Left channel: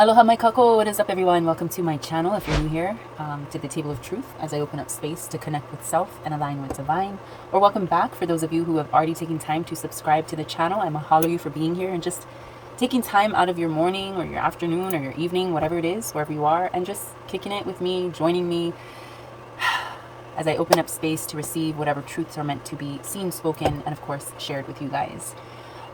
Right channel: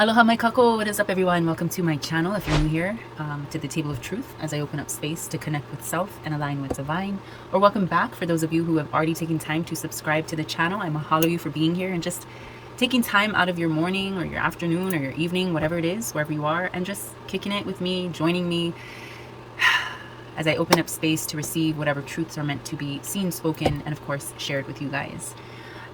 Aloha mai kako, what is up everyone? Welcome to my channel if you're new here, to the Table of Truth as I open up space to connect with self and align with divine. Or welcome back for those of you who have already taken time to subscribe to the channel. I mahalo you for being here and just taking time out of your morning or your afternoon or your evening, whatever it is, wherever you are, and just kicking it with me, joining me as I open up space to receive whatever truths are meant to be seen, spoken, and of course shared with you guys.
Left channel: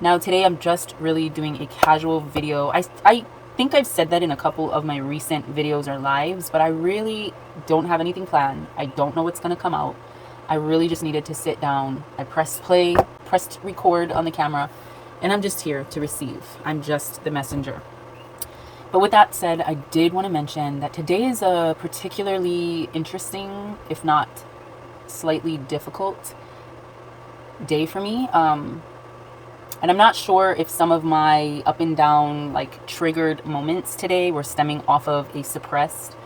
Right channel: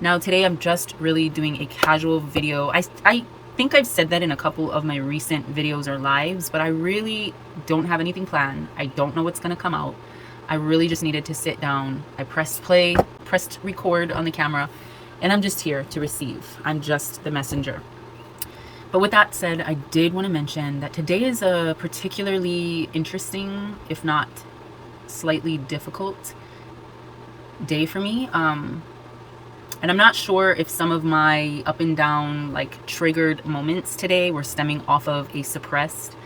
Now today I'm just really doing a casual video. I think I've said that in a couple of my recent videos or lives, but I really don't have anything planned. I don't know what's gonna come out. I really just needed to sit down. I pressed play, pressed record on the camera, and I'm just here to receive. I'm just the messenger. But with that said, I did want to mention that today is a particularly interesting, if not slightly difficult day for me. And I'm not sure if some of my up and down, like triggered moments today were stemming off of a suppressed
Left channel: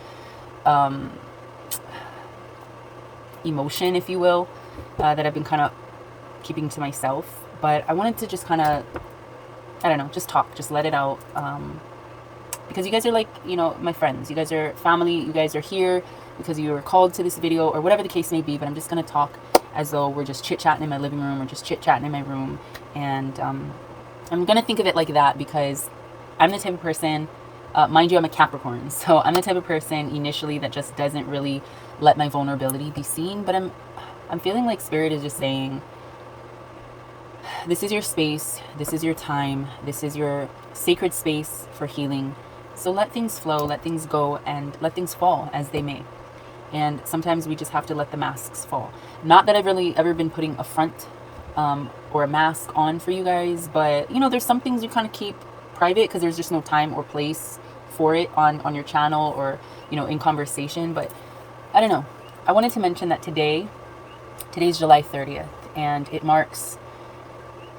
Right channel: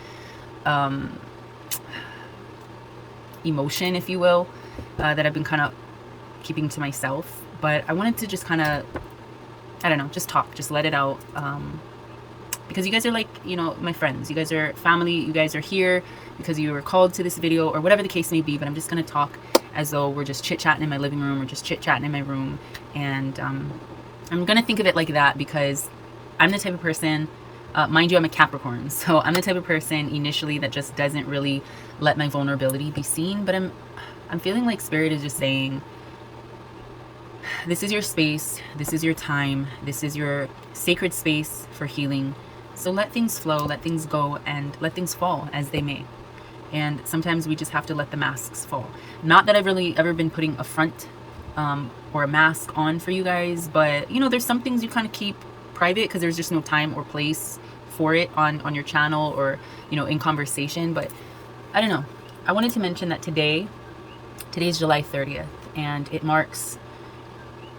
emotion, if you will, that I've been kind of keeping to myself. But I wanted to just kind of, I don't know, just talk, just let it out. Because you guys are like, you know, my friends. You guys are family. You guys are here because you were called to this video or whatever the case may be. But I'm just going to talk as though we're just chit-chatting in my living room or just chit-chatting in my room. And I'm going to think of it like that because I'm the type of person, mind you, I'm a Capricorn. So I'm the type of person initially that just doesn't really let my vulnerability be seen. But I'm feeling like Spirit is just saying, this is your space. This is your time. This is your sacred space for healing. So let things flow, let things go, and let things fall as they may. And sometimes we just have to let the masks fall. Not that I've really ever been putting a front or a mask on for you guys, but you know, there's some things you kind of keep private because there's just no time or place for it on your channel or, you know, in conversation. But I don't know. I wanted to mention that today's July 30th, and it marks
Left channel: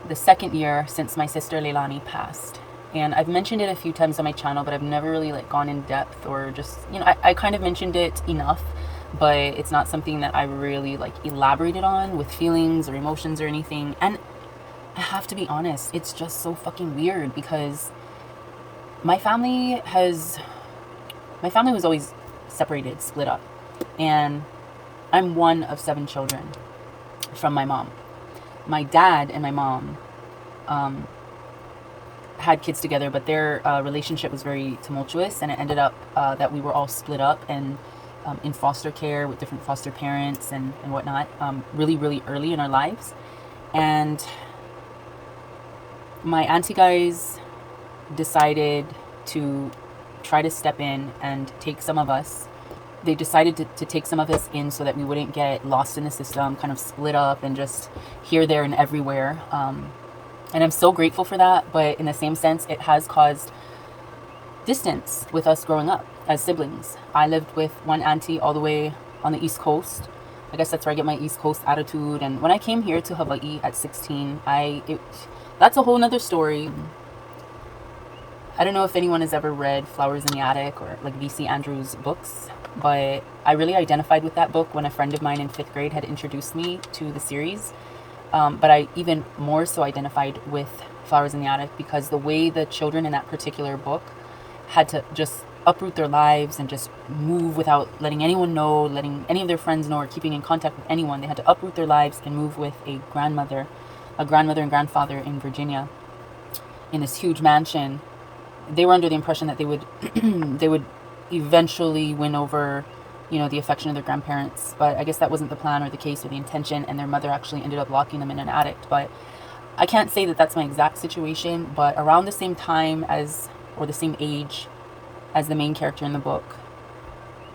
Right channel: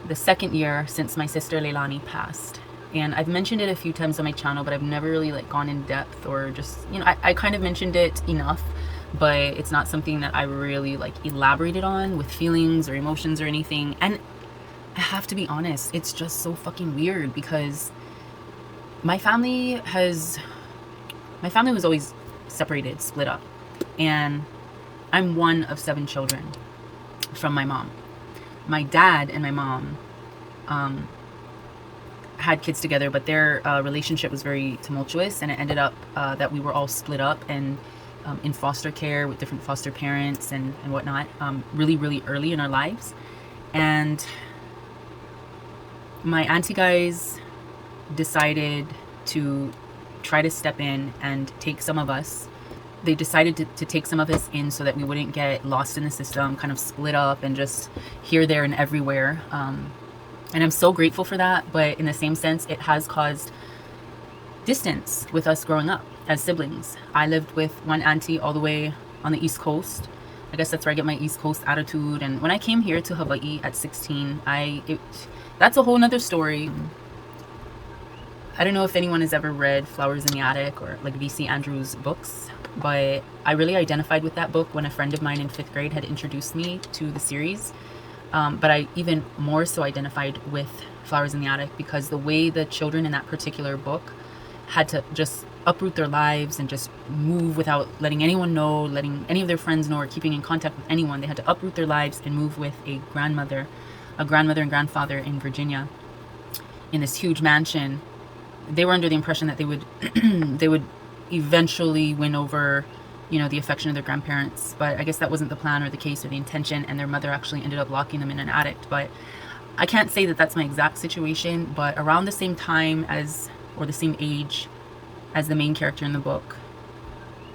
the second year since my sister Leilani passed. And I've mentioned it a few times on my channel, but I've never really like gone in depth or just, you know, I kind of mentioned it enough, but it's not something that I really like elaborated on with feelings or emotions or anything. And I have to be honest, it's just so fucking weird because my family was always separated, split up. And I'm one of 7 children from my mom. My dad and my mom had kids together, but their relationship was very tumultuous, and it ended up that we were all split up and in foster care with different foster parents and whatnot, really, really early in our lives. And my auntie guys decided to try to step in and take some of us. They decided to take some of us in so that we wouldn't get lost in the system, kind of split up and just here, there, and everywhere. And I'm so grateful for that. But in the same sense, it has caused distance with us growing up as siblings. I lived with one auntie all the way on the East Coast. I guess that's where I get my East Coast attitude. And when I came here to Hawaii at 16, that's a whole nother story. I don't know if anyone has ever read Flowers in the Attic or like V.C. Andrews' books, but I really identified with that book when a friend of mine in 5th grade had introduced me to the series. But I even more so identified with Flowers in the Attic because the way the children in that particular book had to just uproot their lives and just move without letting anyone know, letting any of their friends know, or keeping in contact with anyone. They had to uproot their lives and move with a grandmother and grandfather in Virginia in this huge mansion. They were under the impression that they would eventually win over, you know, the affection of their grandparents, but I guess that wasn't the plan or the case or the intention, and their mother actually ended up locking them in an attic. But I can't say that that's my exact situation, but around the same time as, or the same age as the main character in the book,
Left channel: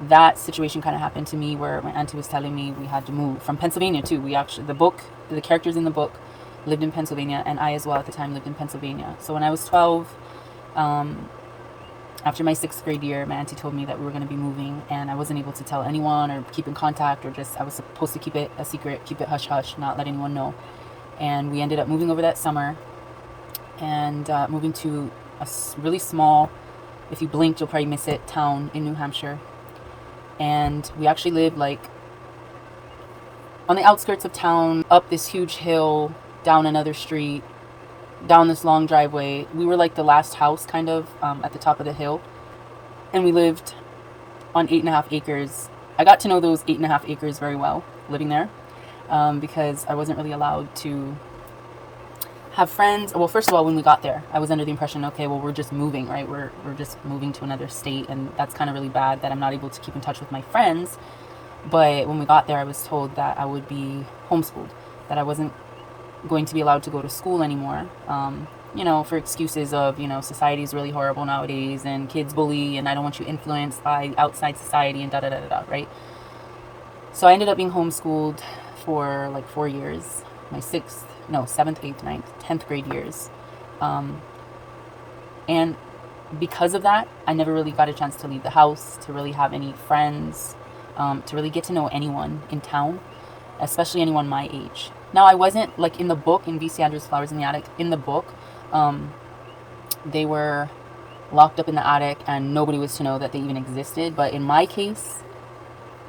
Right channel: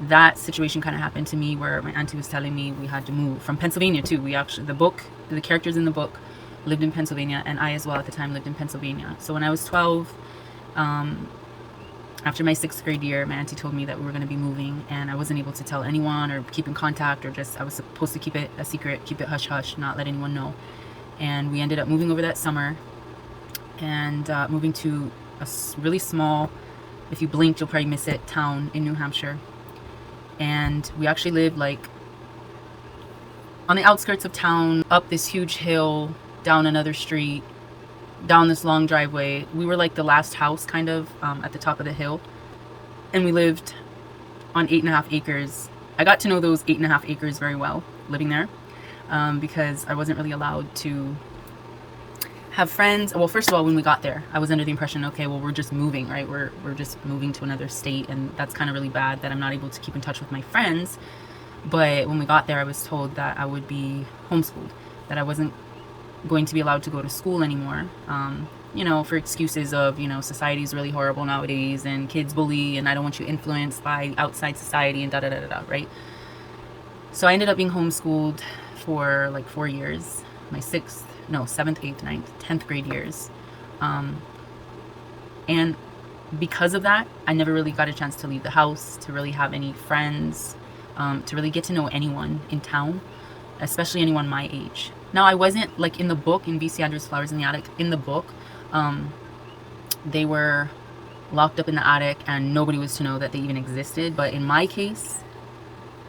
that situation kind of happened to me where my auntie was telling me we had to move from Pennsylvania too. We actually, the characters in the book lived in Pennsylvania, and I as well at the time lived in Pennsylvania. So when I was 12, after my 6th grade year, my auntie told me that we were going to be moving, and I wasn't able to tell anyone or keep in contact, or just, I was supposed to keep it a secret, keep it hush hush, not let anyone know. And we ended up moving over that summer and moving to a really small, if you blinked you'll probably miss it, town in New Hampshire. And we actually lived like on the outskirts of town, up this huge hill, down another street, down this long driveway. We were like the last house kind of at the top of the hill. and we lived on 8.5 acres. I got to know those 8.5 acres very well living there, because I wasn't really allowed to have friends. Well, first of all, when we got there, I was under the impression, okay, well, we're just moving, right? We're just moving to another state, and that's kind of really bad that I'm not able to keep in touch with my friends. But when we got there, I was told that I would be homeschooled, that I wasn't going to be allowed to go to school anymore. For excuses of, society is really horrible nowadays and kids bully and I don't want you influenced by outside society and da-da-da-da-da, right? So I ended up being homeschooled for like 4 years, my 7th, 8th, 9th, 10th grade years. And because of that, I never really got a chance to leave the house, to really have any friends, to really get to know anyone in town, especially anyone my age. Now, I wasn't, like in the book, in V.C. Andrews' Flowers in the Attic, in the book, they were locked up in the attic and nobody was to know that they even existed. But in my case,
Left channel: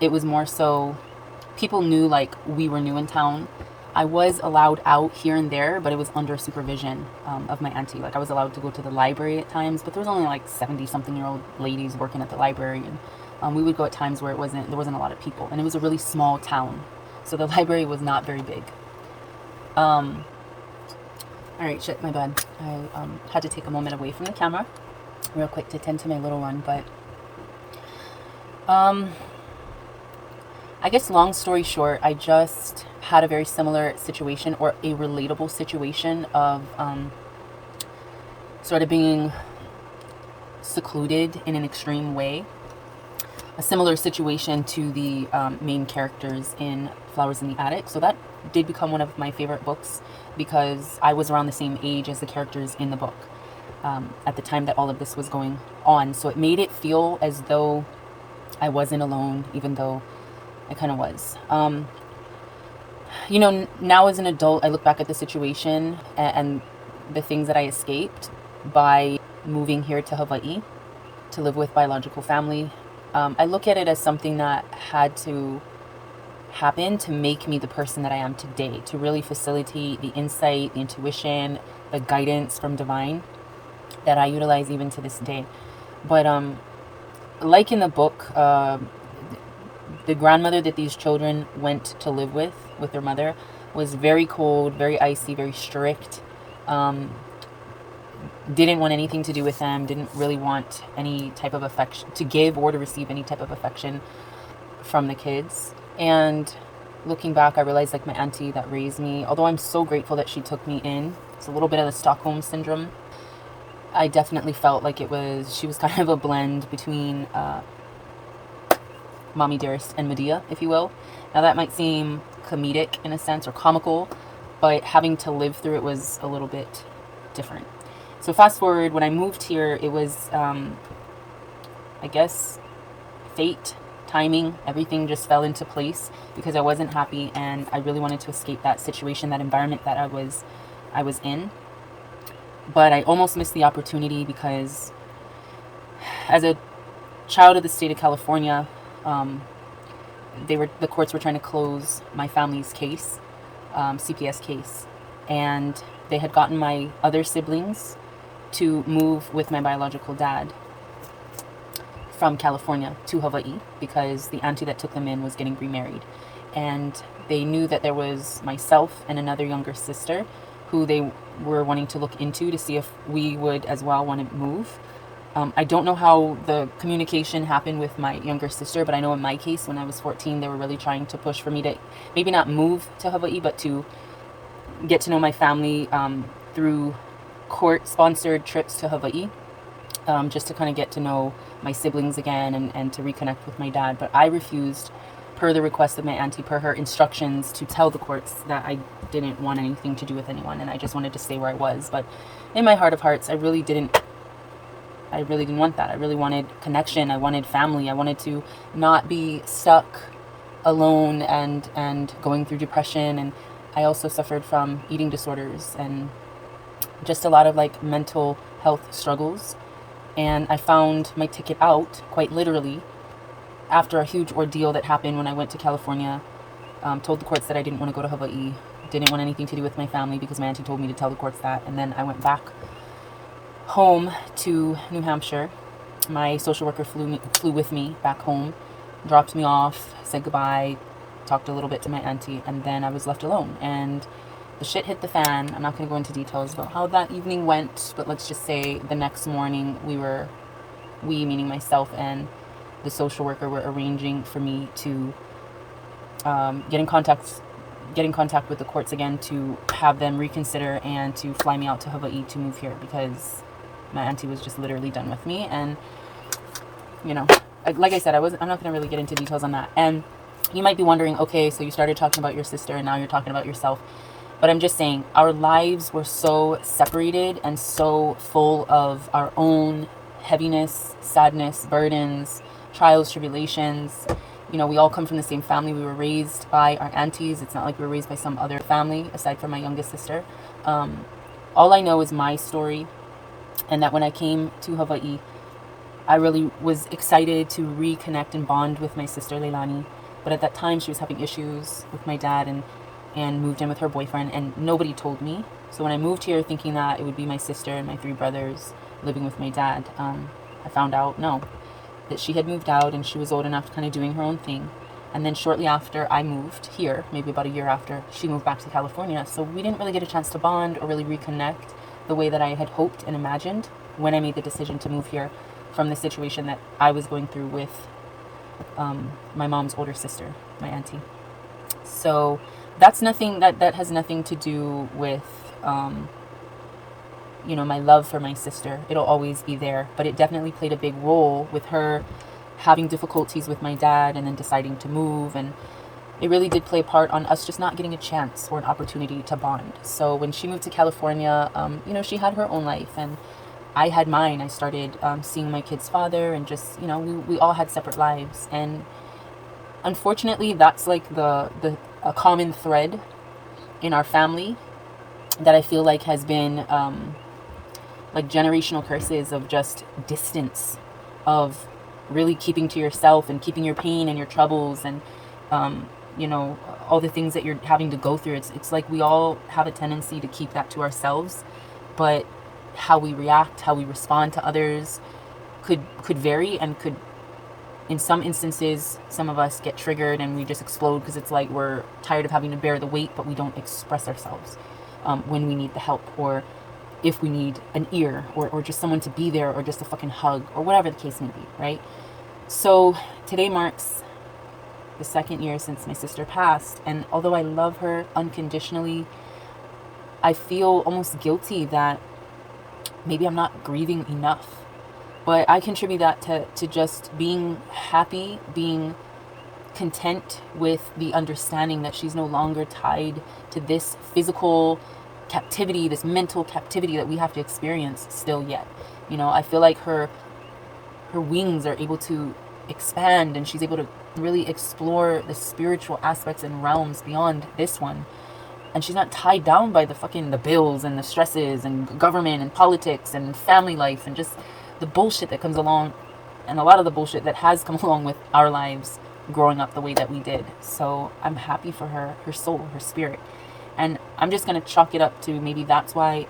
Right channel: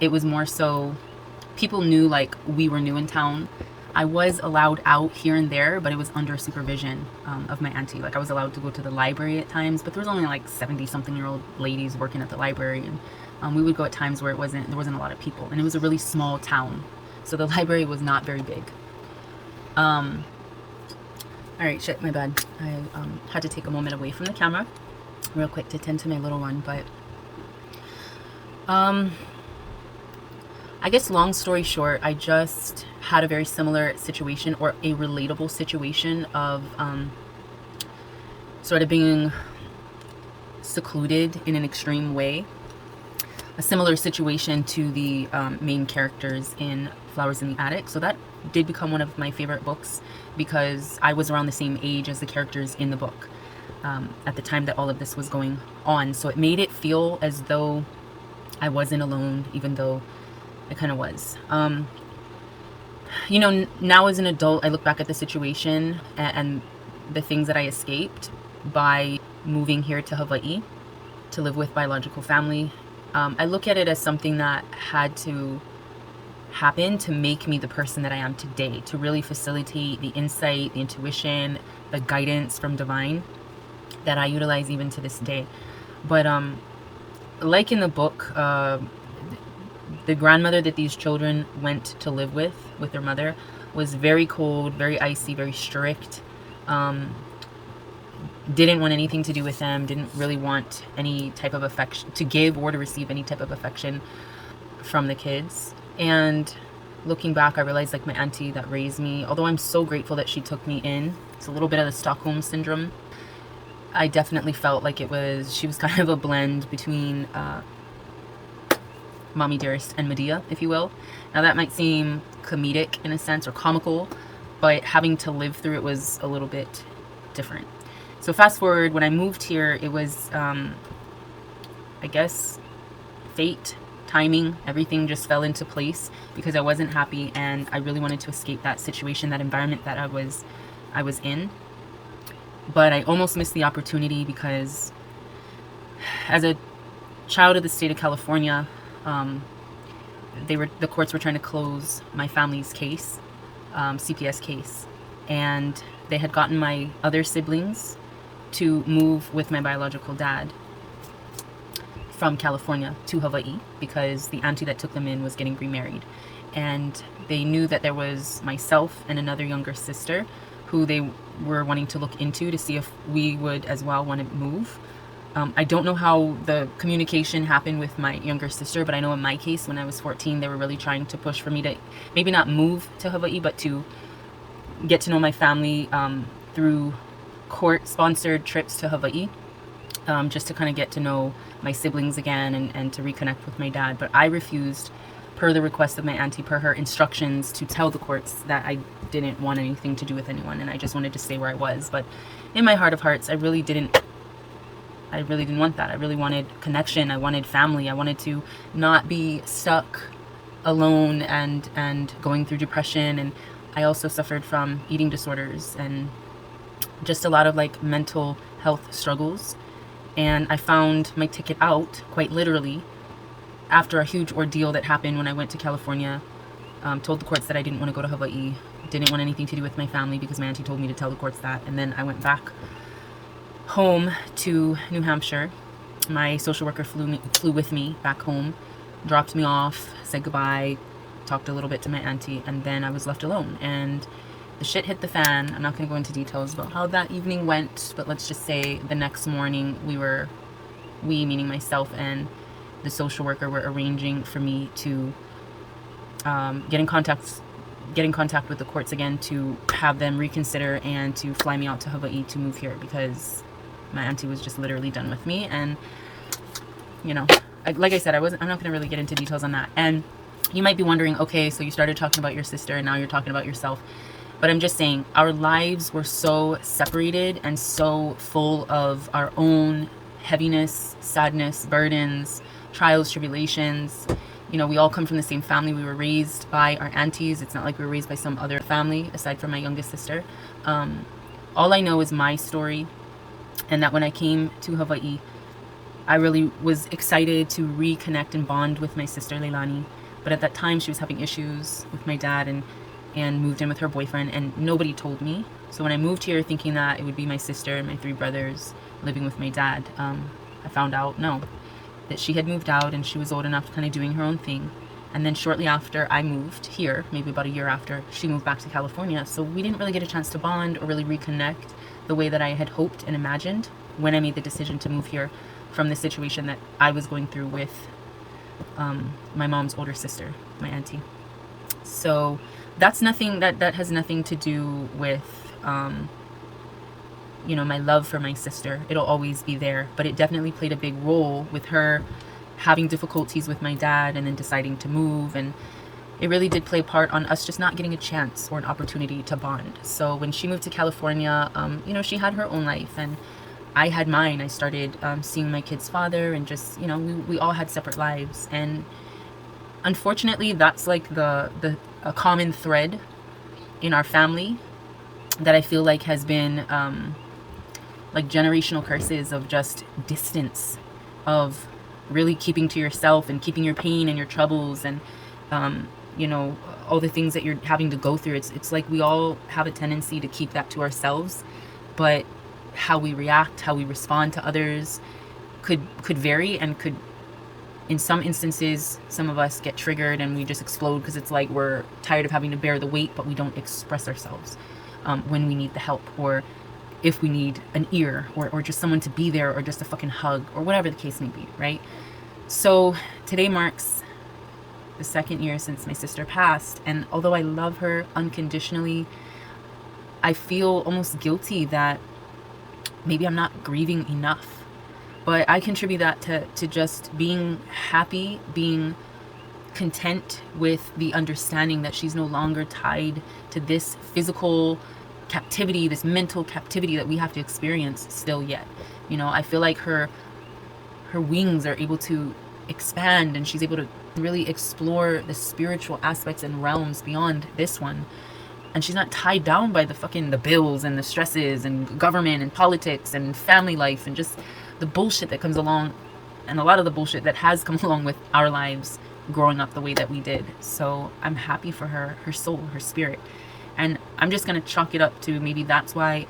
it was more so people knew like we were new in town. I was allowed out here and there, but it was under supervision of my auntie. Like I was allowed to go to the library at times, but there was only like 70-something-year-old ladies working at the library, and we would go at times where there wasn't a lot of people, and it was a really small town, so the library was not very big. All right, shit, my bad. I had to take a moment away from the camera real quick to tend to my little one, but I guess long story short, I just had a very similar situation, or a relatable situation of sort of being secluded in an extreme way. A similar situation to the main characters in Flowers in the Attic. So that did become one of my favorite books because I was around the same age as the characters in the book at the time that all of this was going on. So it made it feel as though I wasn't alone, even though I kind of was. Now as an adult, I look back at the situation and the things that I escaped by moving here to Hawaii to live with biological family. I look at it as something that had to happen to make me the person that I am today, to really facilitate the insight, the intuition, the guidance from divine that I utilize even to this day. But like in the book, the grandmother that these children went to live with their mother was very cold, very icy, very strict. Didn't want anything to do with them, didn't really want any type of affection to give or to receive any type of affection from the kids. And looking back, I realized like my auntie that raised me, although I'm so grateful that she took me in, it's a little bit of the Stockholm syndrome. I definitely felt like she was kind of a blend between Mommy Dearest and Medea, if you will. Now that might seem comedic in a sense, or comical, but having to live through it was a little bit different. So fast forward, when I moved here, it was, I guess, fate, timing, everything just fell into place because I wasn't happy and I really wanted to escape that situation, that environment that I was in. But I almost missed the opportunity because as a child of the state of California, the courts were trying to close my family's case, CPS case, and they had gotten my other siblings to move with my biological dad from California to Hawaii because the auntie that took them in was getting remarried, and they knew that there was myself and another younger sister who they were wanting to look into to see if we would as well want to move. I don't know how the communication happened with my younger sister, but I know in my case, when I was 14, they were really trying to push for me to maybe not move to Hawaii, but to get to know my family through court-sponsored trips to Hawaii, just to kind of get to know my siblings again and to reconnect with my dad. But I refused, per the request of my auntie, per her instructions, to tell the courts that I didn't want anything to do with anyone and I just wanted to stay where I was. But in my heart of hearts, I really didn't want that. I really wanted connection. I wanted family. I wanted to not be stuck alone and going through depression. And I also suffered from eating disorders and just a lot of like mental health struggles. And I found my ticket out, quite literally, after a huge ordeal that happened when I went to California. Told the courts that I didn't want to go to Hawaii, didn't want anything to do with my family because my auntie told me to tell the courts that. And then I went back home to New Hampshire My social worker flew with me back home, dropped me off, said goodbye, talked a little bit to my auntie, and then I was left alone. And the shit hit the fan. I'm not going to go into details about how that evening went, but let's just say the next morning we meaning myself and the social worker, were arranging for me to get in contact with the courts again to have them reconsider and to fly me out to Hawaii to move here, because my auntie was just literally done with me. And like I said, I'm not going to really get into details on that. And you might be wondering, okay, so you started talking about your sister and now you're talking about yourself. But I'm just saying, our lives were so separated and so full of our own heaviness, sadness, burdens, trials, tribulations. We all come from the same family. We were raised by our aunties. It's not like we were raised by some other family aside from my youngest sister. All I know is my story, and that when I came to Hawaii, I really was excited to reconnect and bond with my sister Leilani. But at that time, she was having issues with my dad and moved in with her boyfriend, and nobody told me. So when I moved here thinking that it would be my sister and my 3 brothers living with my dad, I found out, no, that she had moved out and she was old enough, kind of doing her own thing. And then shortly after I moved here, maybe about a year after, she moved back to California. So we didn't really get a chance to bond or really reconnect the way that I had hoped and imagined when I made the decision to move here from the situation that I was going through with my mom's older sister, my auntie. So that's nothing, that has nothing to do with my love for my sister. It'll always be there, but it definitely played a big role with her having difficulties with my dad and then deciding to move. And it really did play a part on us just not getting a chance or an opportunity to bond. So when she moved to California, she had her own life and I had mine. I started seeing my kid's father, and just, we all had separate lives. And unfortunately, that's like a common thread in our family that I feel like has been like generational curses of just distance, of really keeping to yourself and keeping your pain and your troubles and all the things that you're having to go through. It's like we all have a tendency to keep that to ourselves, but how we react, how we respond to others could vary, and could, in some instances, some of us get triggered and we just explode because it's like we're tired of having to bear the weight, but we don't express ourselves when we need the help, or if we need an ear, or just someone to be there, or just a fucking hug, or whatever the case may be, right? So today marks the 2nd year since my sister passed, and although I love her unconditionally, I feel almost guilty that maybe I'm not grieving enough. But I contribute that to just being happy, being content with the understanding that she's no longer tied to this physical captivity, this mental captivity that we have to experience still yet. I feel like her wings are able to expand, and she's able to really explore the spiritual aspects and realms beyond this one. And she's not tied down by the bills and the stresses and government and politics and family life and just the bullshit that comes along, and a lot of the bullshit that has come along with our lives growing up the way that we did. So I'm happy for her soul, her spirit. And I'm just going to chalk it up to maybe that's why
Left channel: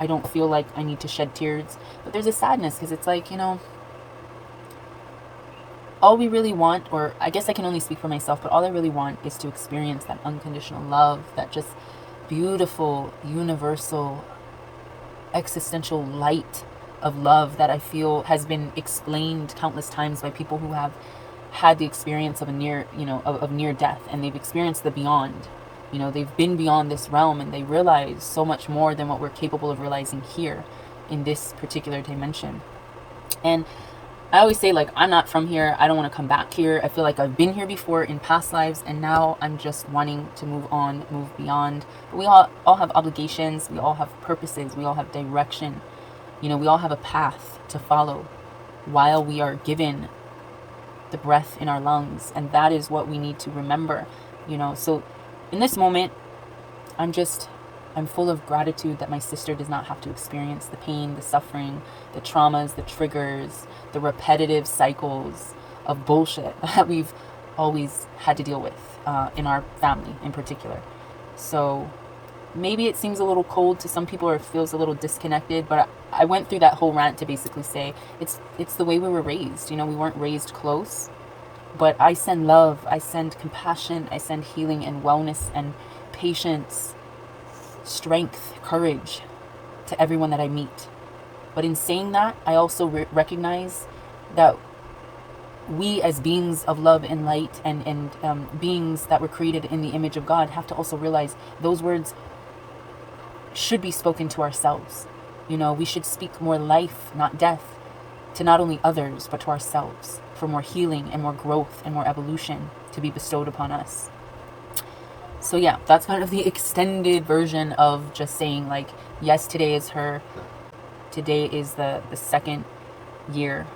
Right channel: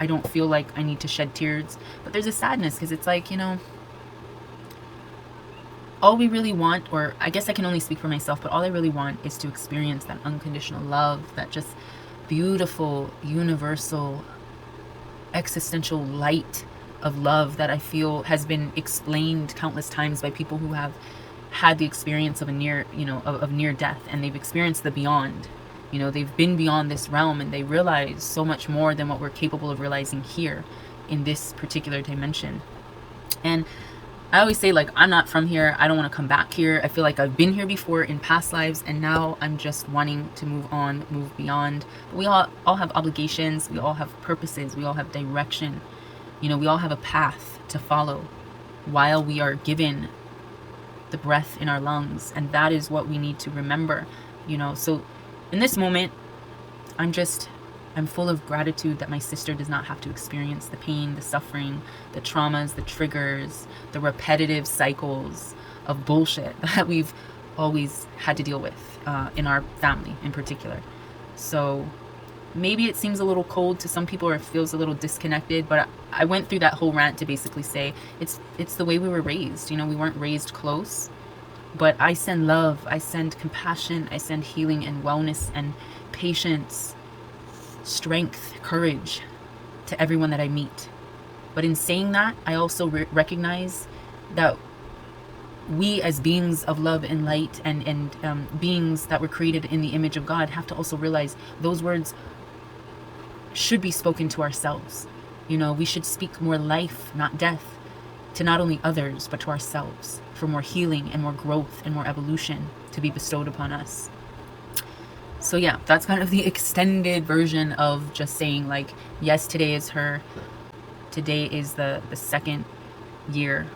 I don't feel like I need to shed tears. But there's a sadness, because it's like, all we really want, or I guess I can only speak for myself, but all I really want is to experience that unconditional love, that just beautiful, universal, existential light of love that I feel has been explained countless times by people who have had the experience of a near death, and they've experienced the beyond. They've been beyond this realm, and they realize so much more than what we're capable of realizing here in this particular dimension. And I always say, like, I'm not from here. I don't want to come back here. I feel like I've been here before in past lives, and now I'm just wanting to move on, move beyond. But we all have obligations. We all have purposes. We all have direction. We all have a path to follow while we are given the breath in our lungs. And that is what we need to remember, So in this moment, I'm full of gratitude that my sister does not have to experience the pain, the suffering, the traumas, the triggers, the repetitive cycles of bullshit that we've always had to deal with in our family in particular. So maybe it seems a little cold to some people, or it feels a little disconnected, but I went through that whole rant to basically say it's the way we were raised. You know, we weren't raised close, but I send love, I send compassion, I send healing and wellness and patience, strength, courage to everyone that I meet. But in saying that, I also recognize that we as beings of love and light, and beings that were created in the image of God, have to also realize those words should be spoken to ourselves. You know, we should speak more life, not death, to not only others, but to ourselves, for more healing and more growth and more evolution to be bestowed upon us. So yeah, that's kind of the extended version of just saying, like, yes, today is the second year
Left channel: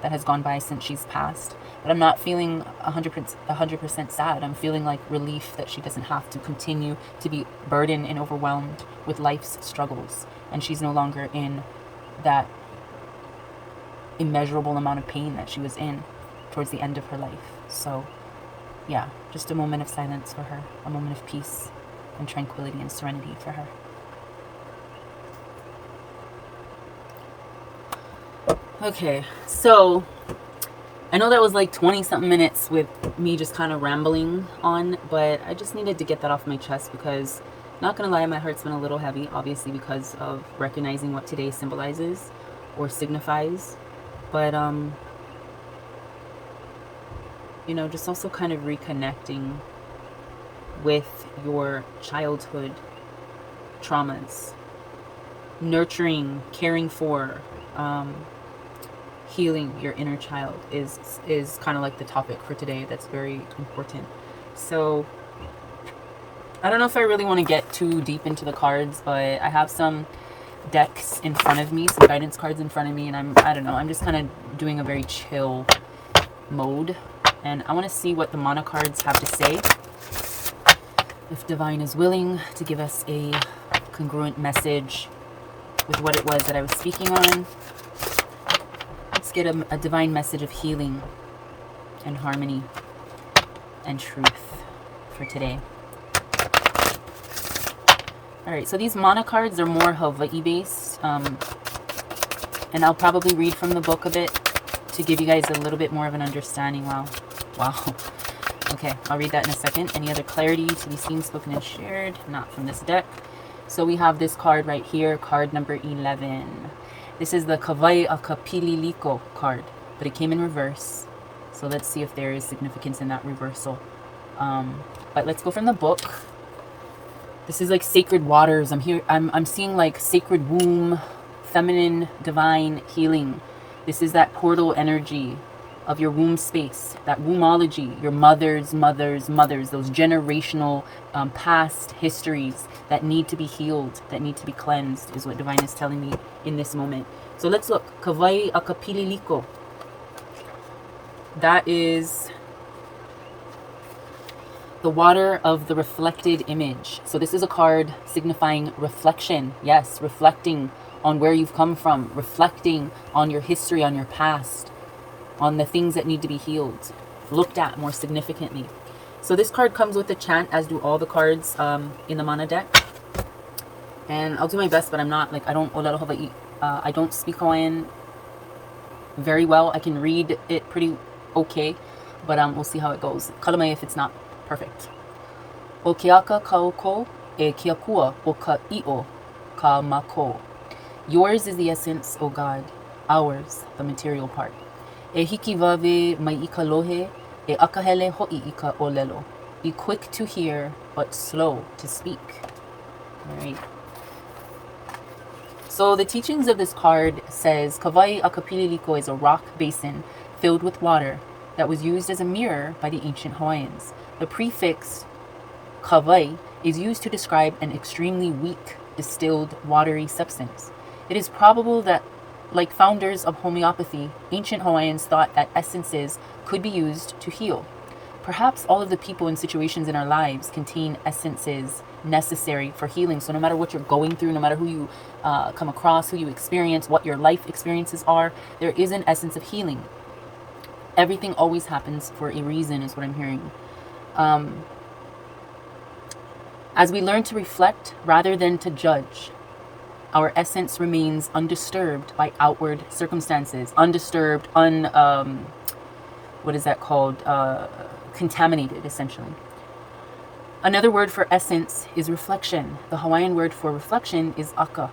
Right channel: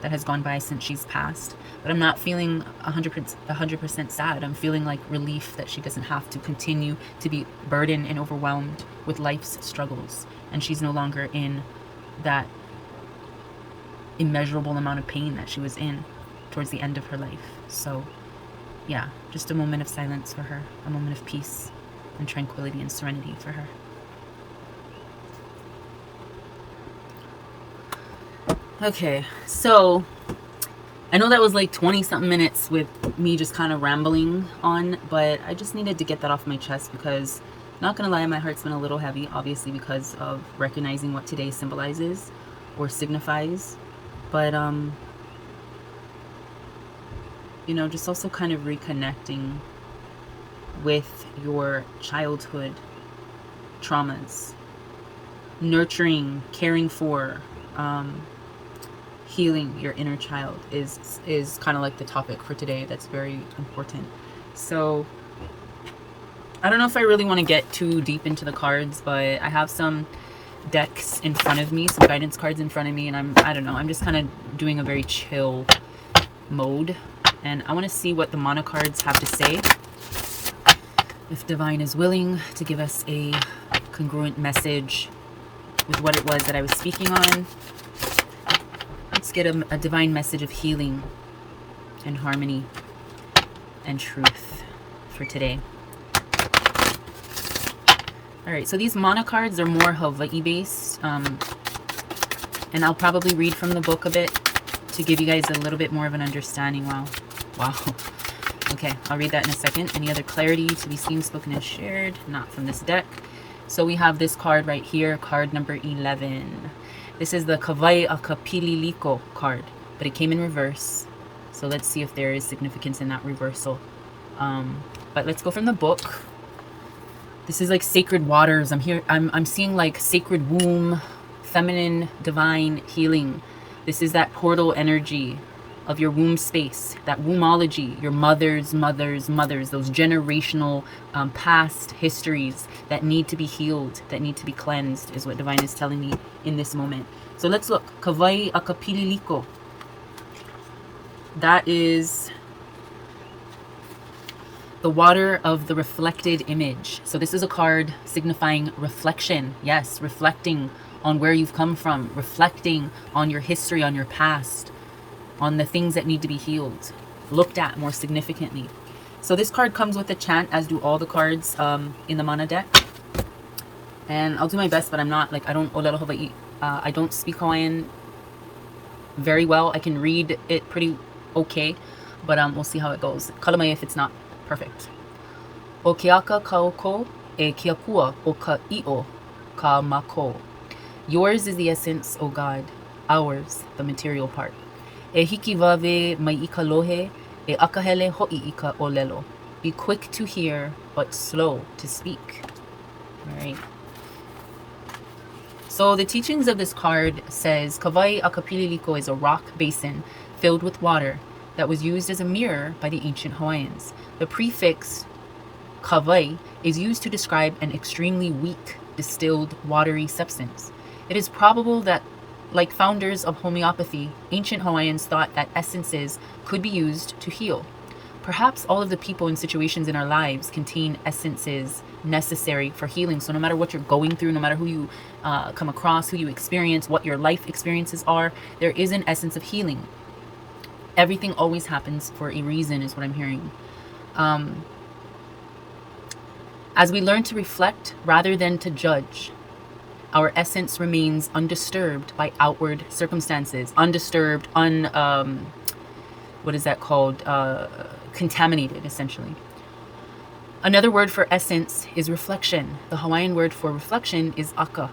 that has gone by since she's passed. But I'm not feeling 100% sad. I'm feeling like relief that she doesn't have to continue to be burdened and overwhelmed with life's struggles. And she's no longer in that immeasurable amount of pain that she was in towards the end of her life. So yeah, just a moment of silence for her, a moment of peace and tranquility and serenity for her. Okay, so I know that was like 20 something minutes with me just kind of rambling on, but I just needed to get that off my chest because, not gonna lie, my heart's been a little heavy, obviously because of recognizing what today symbolizes or signifies. But you know, just also kind of reconnecting with your childhood traumas, nurturing, caring for, healing your inner child is kind of like the topic for today. That's very important. So I don't know if I really want to get too deep into the cards, but I have some decks in front of me, some guidance cards in front of me, and I don't know, I'm just kind of doing a very chill mode, and I want to see what the mana cards have to say. If Divine is willing to give us a congruent message with what it was that I was speaking on. Let's get a divine message of healing and harmony and truth for today. All right, so these mana cards are more Hawai'i based, and I'll probably read from the book a bit to give you guys a little bit more of an understanding. Wow. Okay, I'll read that in a second. Any other clarity to be seen, spoken, and shared? Not from this deck. So we have this card right here, card number 11. This is the Kawai Akapililiko card, but it came in reverse. So let's see if there is significance in that reversal. But let's go from the book. This is like sacred waters. I'm seeing like sacred womb, feminine, divine healing. This is that portal energy of your womb space, that wombology, your mothers, those generational past histories that need to be healed, that need to be cleansed, is what Divine is telling me in this moment. So let's look. Kawai Akapililiko. That is the water of the reflected image. So this is a card signifying reflection. Yes, reflecting on where you've come from, reflecting on your history, on your past, on the things that need to be healed, looked at more significantly. So this card comes with a chant, as do all the cards in the mana deck. And I'll do my best, but I'm not, like, I don't olelo Hawai'i. I don't speak Hawaiian very well. I can read it pretty okay, but we'll see how it goes. Kalamai if it's not perfect. O keaka kauko e kiakua o ka i'o ka mako. Yours is the essence, O God. Ours, the material part. E hiki wave mai ika lohe e akahele ho'i ika olelo. Be quick to hear, but slow to speak. All right. So the teachings of this card says Kawai Akapililiko is a rock basin filled with water that was used as a mirror by the ancient Hawaiians. The prefix Kawai is used to describe an extremely weak, distilled, watery substance. It is probable that, like founders of homeopathy, ancient Hawaiians thought that essences could be used to heal. Perhaps all of the people and situations in our lives contain essences necessary for healing. So no matter what you're going through, no matter who you come across, who you experience, what your life experiences are, there is an essence of healing. Everything always happens for a reason, is what I'm hearing. As we learn to reflect rather than to judge, our essence remains undisturbed by outward circumstances. Undisturbed, what is that called? Contaminated, essentially. Another word for essence is reflection. The Hawaiian word for reflection is aka.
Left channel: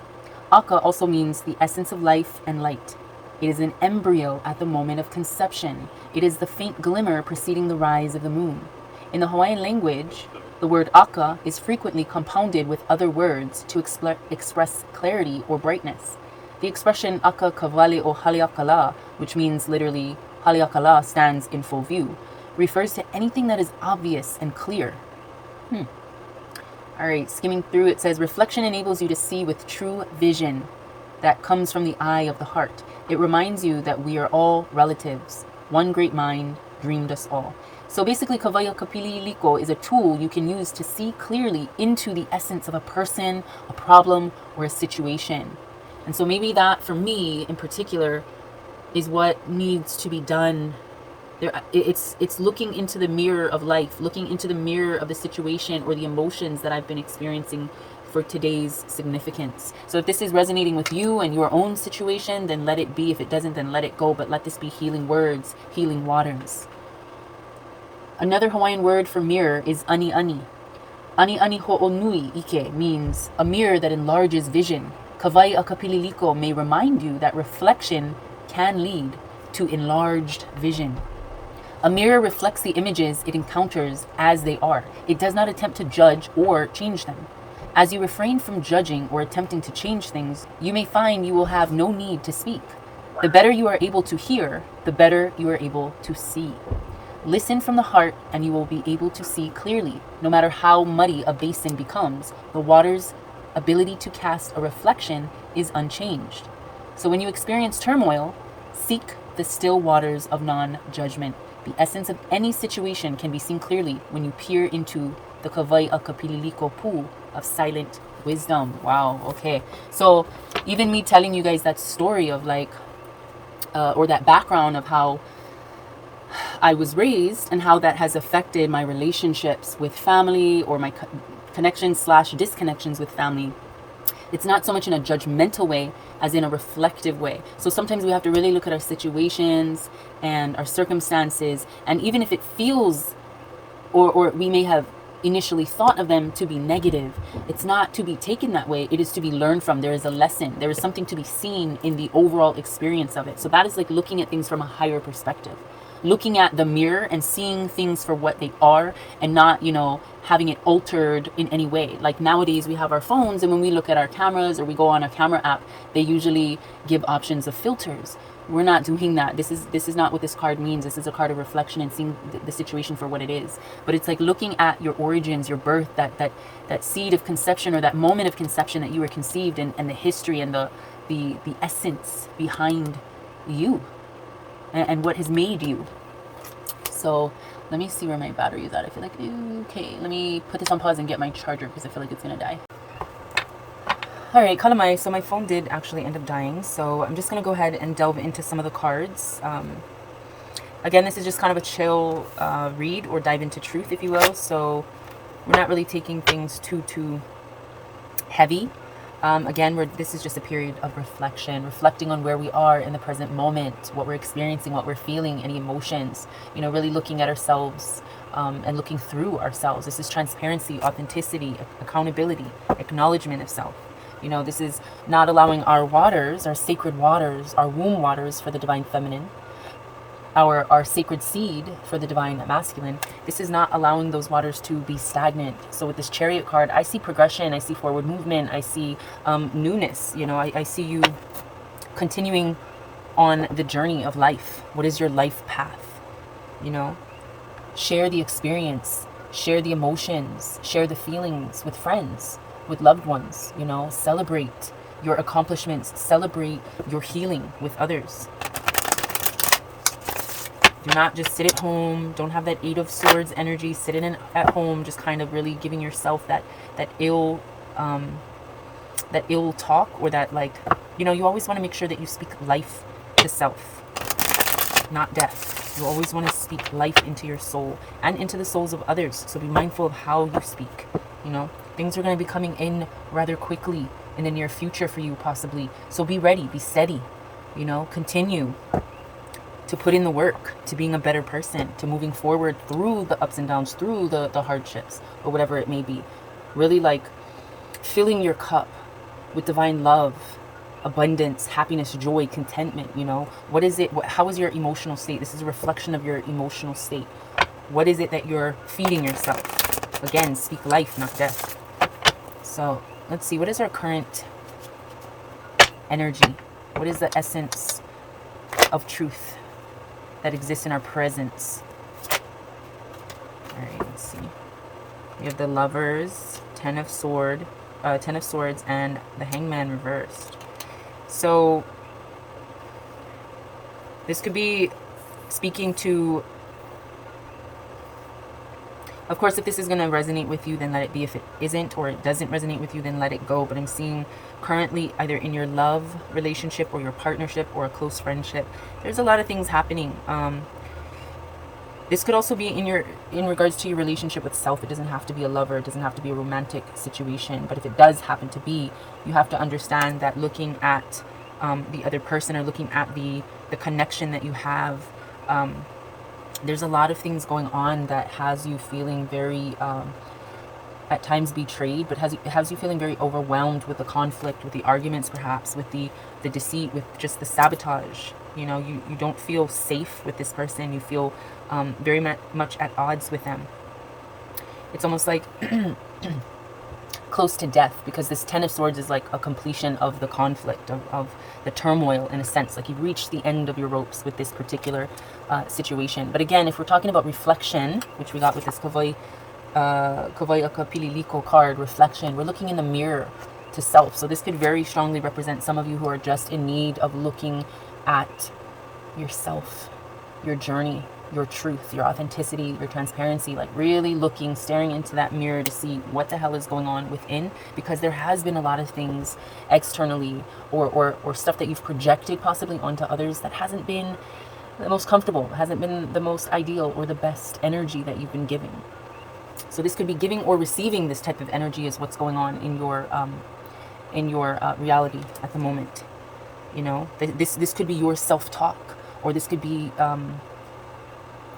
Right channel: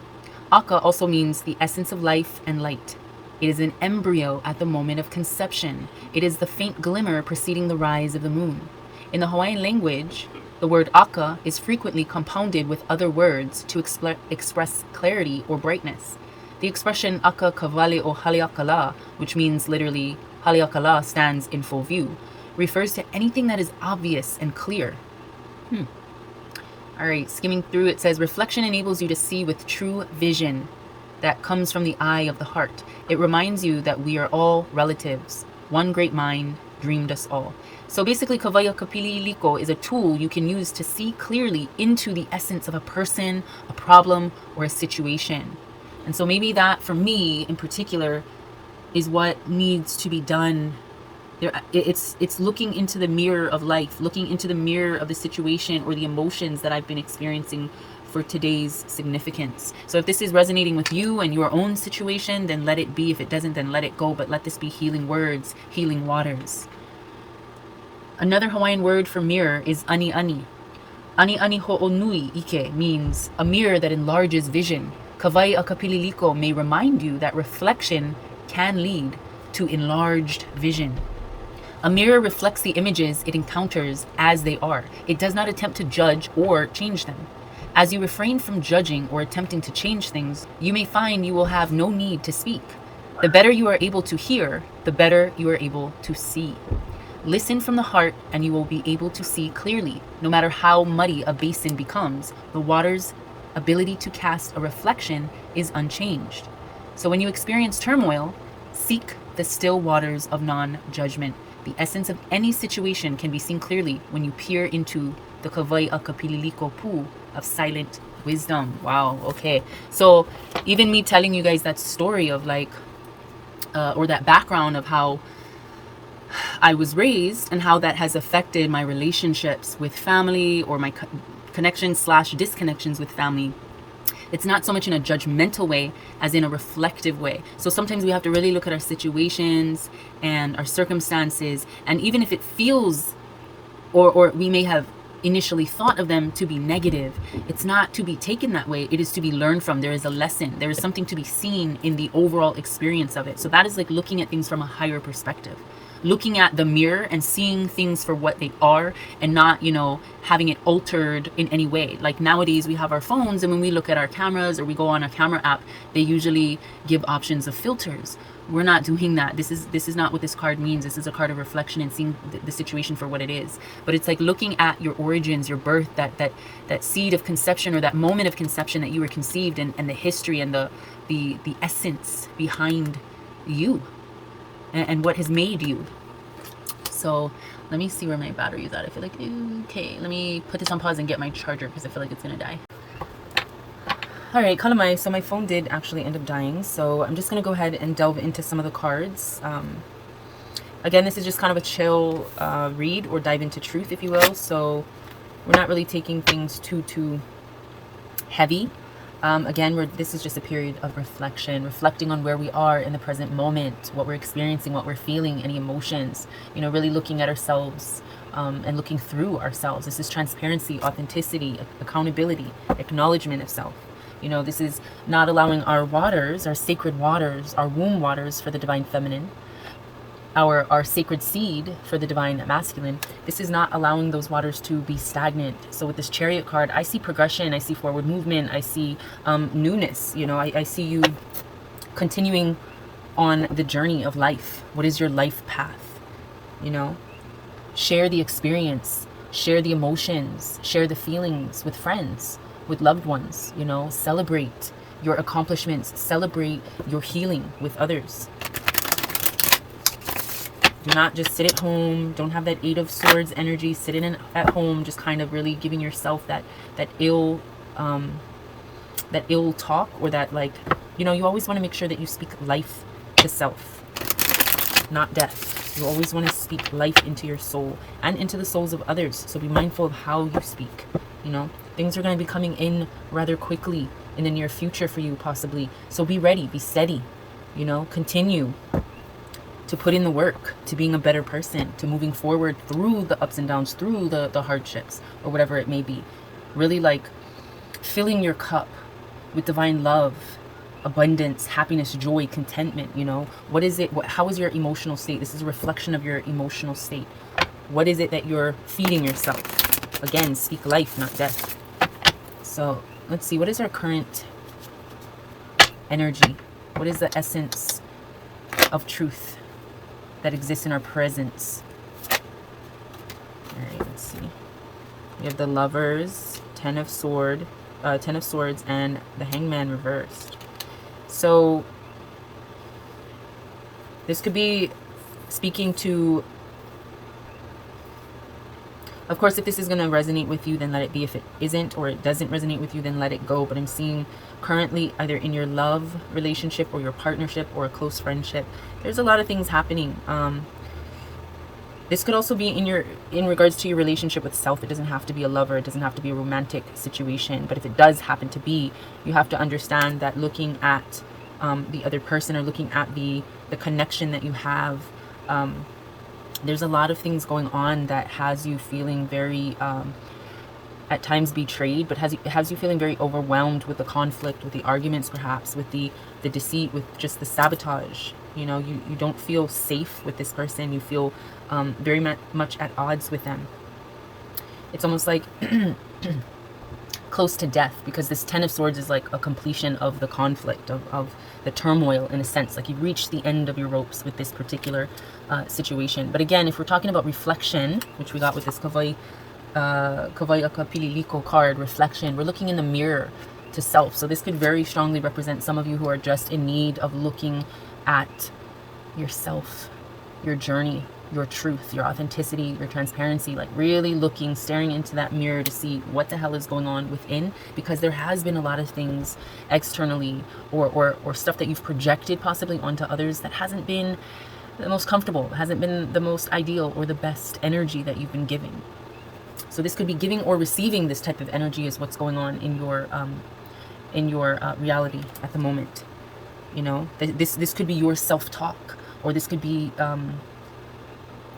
Aka also means the essence of life and light. It is an embryo at the moment of conception. It is the faint glimmer preceding the rise of the moon. In the Hawaiian language, the word aka is frequently compounded with other words to express clarity or brightness. The expression aka kawale o haleakala, which means literally haleakala stands in full view, refers to anything that is obvious and clear. All right, skimming through, it says, reflection enables you to see with true vision that comes from the eye of the heart. It reminds you that we are all relatives. One great mind dreamed us all. So basically, Kawaya Kapili Iliko is a tool you can use to see clearly into the essence of a person, a problem, or a situation. And so maybe that, for me in particular, is what needs to be done. It's looking into the mirror of life, looking into the mirror of the situation or the emotions that I've been experiencing for today's significance. So if this is resonating with you and your own situation, then let it be. If it doesn't, then let it go. But let this be healing words, healing waters. Another Hawaiian word for mirror is ani ani. Ani ani ho'onui ike means a mirror that enlarges vision. Kawai a kapililiko may remind you that reflection can lead to enlarged vision. A mirror reflects the images it encounters as they are. It does not attempt to judge or change them. As you refrain from judging or attempting to change things, you may find you will have no need to speak. The better you are able to hear, the better you are able to see. Listen from the heart and you will be able to see clearly. No matter how muddy a basin becomes, the water's ability to cast a reflection is unchanged. So when you experience turmoil, seek the still waters of non-judgment. The essence of any situation can be seen clearly when you peer into the Kawai a Kapililiko pool of silent wisdom. Wow, okay. So even me telling you guys that story of like, or that background of how I was raised and how that has affected my relationships with family or my connections / disconnections with family. It's not so much in a judgmental way as in a reflective way. So sometimes we have to really look at our situations and our circumstances. And even if it feels, or we may have initially thought of them to be negative, it's not to be taken that way. It is to be learned from. There is a lesson. There is something to be seen in the overall experience of it. So that is like looking at things from a higher perspective. Looking at the mirror and seeing things for what they are and not, having it altered in any way. Like nowadays we have our phones, and when we look at our cameras or we go on a camera app, they usually give options of filters. We're not doing that. This is not what this card means. This is a card of reflection and seeing the situation for what it is. But it's like looking at your origins, your birth, that seed of conception or that moment of conception that you were conceived in, and the history and the essence behind you. And what has made you. So let me see where my battery is at. I feel like, okay, let me put this on pause and get my charger because I feel like it's gonna die. All right, kalamai. So my phone did actually end up dying. So I'm just gonna go ahead and delve into some of the cards. Again, this is just kind of a chill read or dive into truth, if you will. So we're not really taking things too heavy. Again, this is just a period of reflection, reflecting on where we are in the present moment, what we're experiencing, what we're feeling, any emotions, really looking at ourselves and looking through ourselves. This is transparency, authenticity, accountability, acknowledgement of self. This is not allowing our waters, our sacred waters, our womb waters for the divine feminine, our sacred seed for the divine masculine. This is not allowing those waters to be stagnant. So with this Chariot card, I see progression, I see forward movement, I see newness. I see you continuing on the journey of life. What is your life path? Share the experience, share the emotions, share the feelings with friends, with loved ones. Celebrate your accomplishments, celebrate your healing with others. Do not just sit at home. Don't have that 8 of Swords energy sitting at home, just kind of really giving yourself that ill talk, or that you always want to make sure that you speak life to self, not death. You always want to speak life into your soul and into the souls of others. So be mindful of how you speak. Things are going to be coming in rather quickly in the near future for you, possibly. So be ready, be steady, you know, continue to put in the work, to being a better person, to moving forward through the ups and downs, through the hardships, or whatever it may be. Really like filling your cup with divine love, abundance, happiness, joy, contentment, you know. What is it? How is your emotional state? This is a reflection of your emotional state. What is it that you're feeding yourself? Again, speak life, not death. So let's see, what is our current energy? What is the essence of truth that exists in our presence? All right, let's see. We have the Lovers, Ten of Swords, and the Hangman reversed. So this could be speaking to, of course, if this is going to resonate with you, then let it be. If it isn't, or it doesn't resonate with you, then let it go. But I'm seeing currently either in your love relationship or your partnership or a close friendship, there's a lot of things happening. This could also be in regards to your relationship with self. It doesn't have to be a lover. It doesn't have to be a romantic situation. But if it does happen to be, you have to understand that looking at the other person, or looking at the connection that you have, there's a lot of things going on that has you feeling very, at times betrayed, but has you feeling very overwhelmed with the conflict, with the arguments, perhaps, with the deceit, with just the sabotage. You know, you don't feel safe with this person. You feel very much at odds with them. It's almost like close to death, because this Ten of Swords is like a completion of the conflict, of the turmoil, in a sense. Like you've reached the end of your ropes with this particular situation. But again, if we're talking about reflection, which we got with this Kawai Akapililiko card, reflection, we're looking in the mirror to self. So this could very strongly represent some of you who are just in need of looking at yourself, your journey, your truth, your authenticity, your transparency, like really looking, staring into that mirror to see what the hell is going on within, because there has been a lot of things externally or stuff that you've projected possibly onto others that hasn't been the most comfortable, hasn't been the most ideal or the best energy that you've been giving. So this could be giving or receiving this type of energy is what's going on in your reality at the moment. You know, this could be your self-talk, or this could be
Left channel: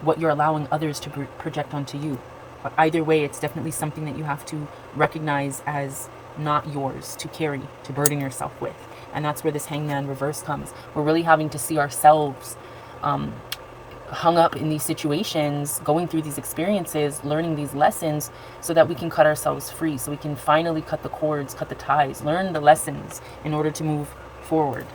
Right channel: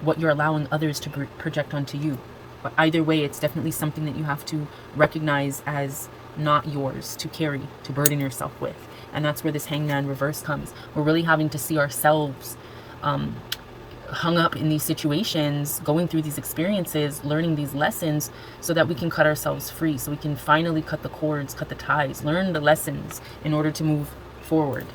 what you're allowing others to project onto you. But either way, it's definitely something that you have to recognize as not yours to carry, to burden yourself with. And that's where this Hangman reverse comes. We're really having to see ourselves hung up in these situations, going through these experiences, learning these lessons, so that we can cut ourselves free, so we can finally cut the cords, cut the ties, learn the lessons in order to move forward.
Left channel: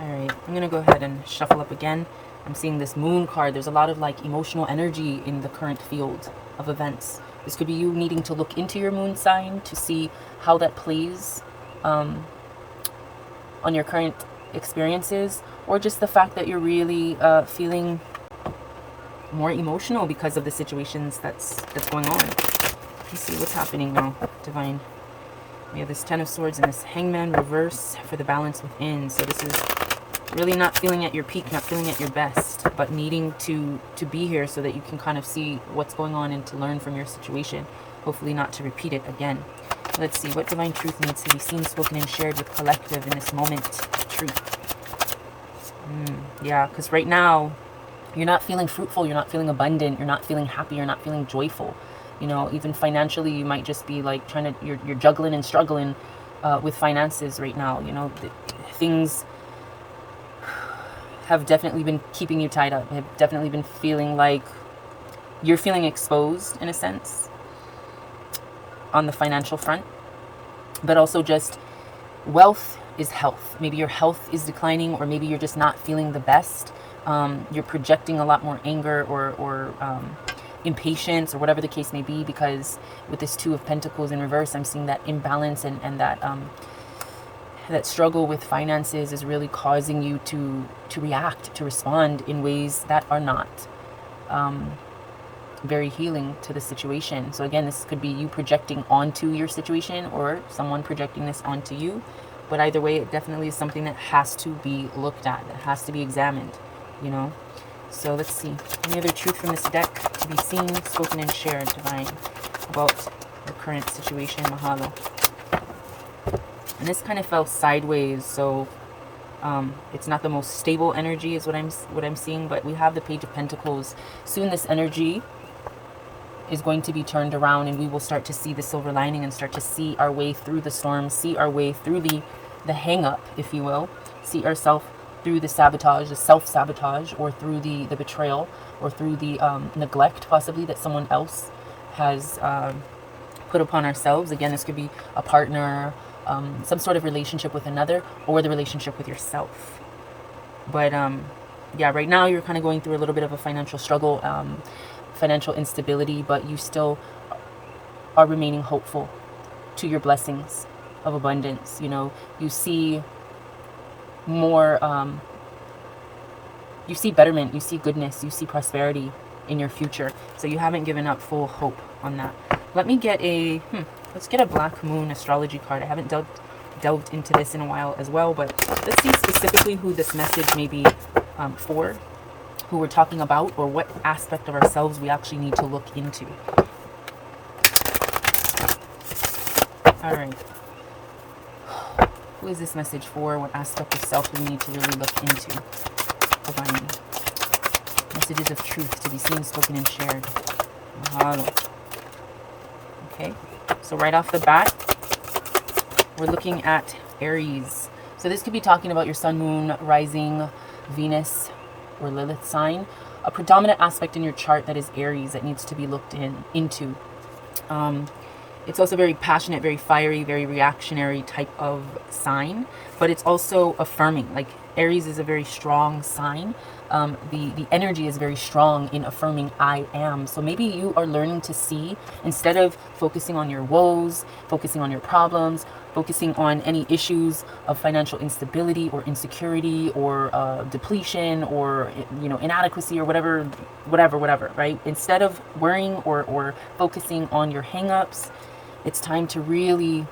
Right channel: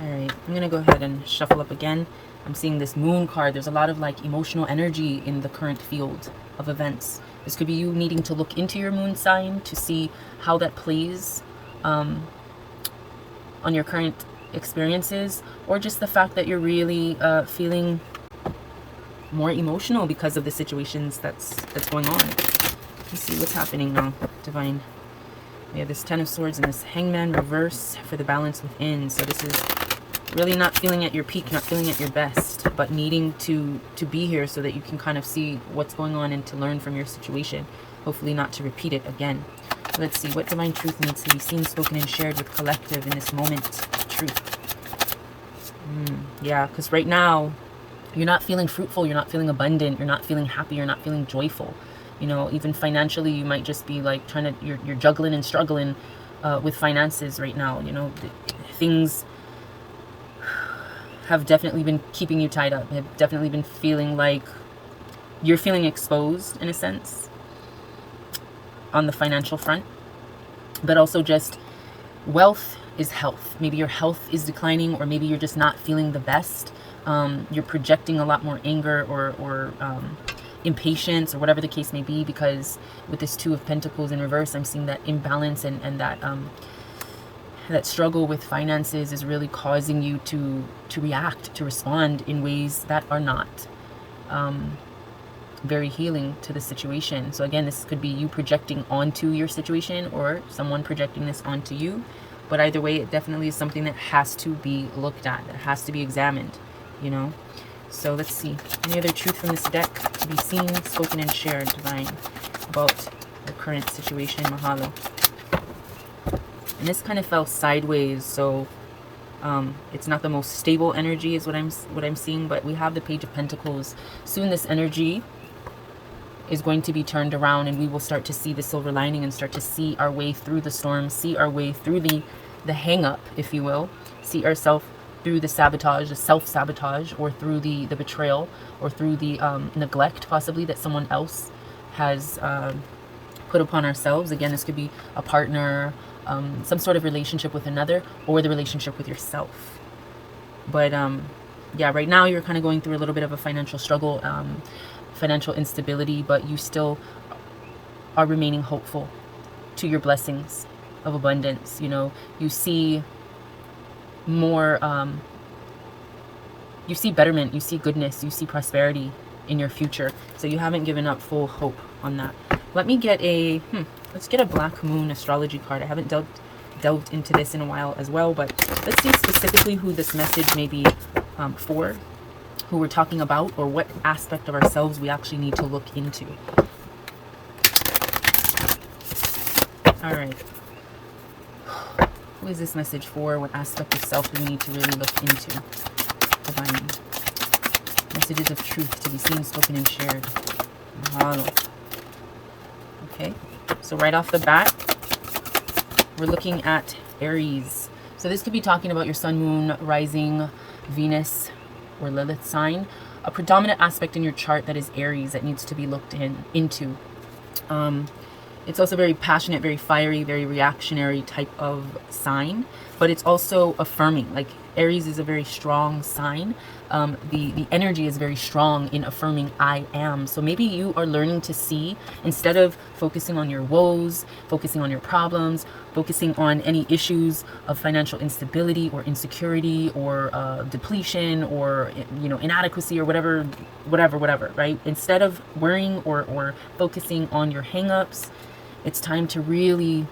All right, I'm going to go ahead and shuffle up again. I'm seeing this Moon card. There's a lot of like emotional energy in the current field of events. This could be you needing to look into your moon sign to see how that plays on your current experiences, or just the fact that you're really feeling more emotional because of the situations that's going on. Let's see what's happening now, Divine. We have this Ten of Swords and this Hangman reverse for the balance within. So this is really not feeling at your peak, not feeling at your best, but needing to be here so that you can kind of see what's going on and to learn from your situation. Hopefully not to repeat it again. Let's see what divine truth needs to be seen, spoken, and shared with collective in this moment of truth. Yeah, because right now you're not feeling fruitful, you're not feeling abundant, you're not feeling happy, you're not feeling joyful. You know, even financially, you might just be like trying to, you're juggling and struggling with finances right now. You know, things have definitely been keeping you tied up, have definitely been feeling like you're feeling exposed in a sense on the financial front, but also just wealth is health. Maybe your health is declining, or maybe you're just not feeling the best. You're projecting a lot more anger or impatience, or whatever the case may be, because with this Two of Pentacles in reverse, I'm seeing that imbalance and that struggle with finances is really causing you to react, to respond in ways that are not very healing to the situation. So again, this could be you projecting onto your situation, or someone projecting this onto you. But either way, it definitely is something that has to be looked at, that has to be examined, you know. So let's see. Any other truth from this deck to be seen, spoken, and shared, Divine? about the current situation. Mahalo. And this kind of fell sideways, so it's not the most stable energy is what I'm seeing, but we have the Page of Pentacles. Soon this energy is going to be turned around, and we will start to see the silver lining and start to see our way through the storm, see our way through the hang up, if you will, see ourselves through the sabotage, the self-sabotage, or through the betrayal, or through the neglect possibly that someone else has put upon ourselves. Again, this could be a partner, some sort of relationship with another, or the relationship with yourself. But yeah, right now you're kind of going through a little bit of a financial struggle, financial instability, but you still are remaining hopeful to your blessings of abundance. You know, you see more, you see betterment, you see goodness, you see prosperity in your future. So you haven't given up full hope on that. Let me get a, let's get a Black Moon astrology card. I haven't delved into this in a while as well, but let's see specifically who this message may be for, who we're talking about, or what aspect of ourselves we actually need to look into. All right. Who is this message for? What aspect of self do we need to really look into? Divine. Messages of truth to be seen, spoken, and shared. Mahalo. Okay. So right off the bat, we're looking at Aries. So this could be talking about your sun, moon, rising, Venus, or Lilith sign. A predominant aspect in your chart that is Aries that needs to be looked into. It's also very passionate, very fiery, very reactionary type of sign, but it's also affirming. Like Aries is a very strong sign. The energy is very strong in affirming I am. So maybe you are learning to see, instead of focusing on your woes, focusing on your problems, focusing on any issues of financial instability or insecurity or depletion or, you know, inadequacy or whatever, right? Instead of worrying or focusing on your hangups, it's time to really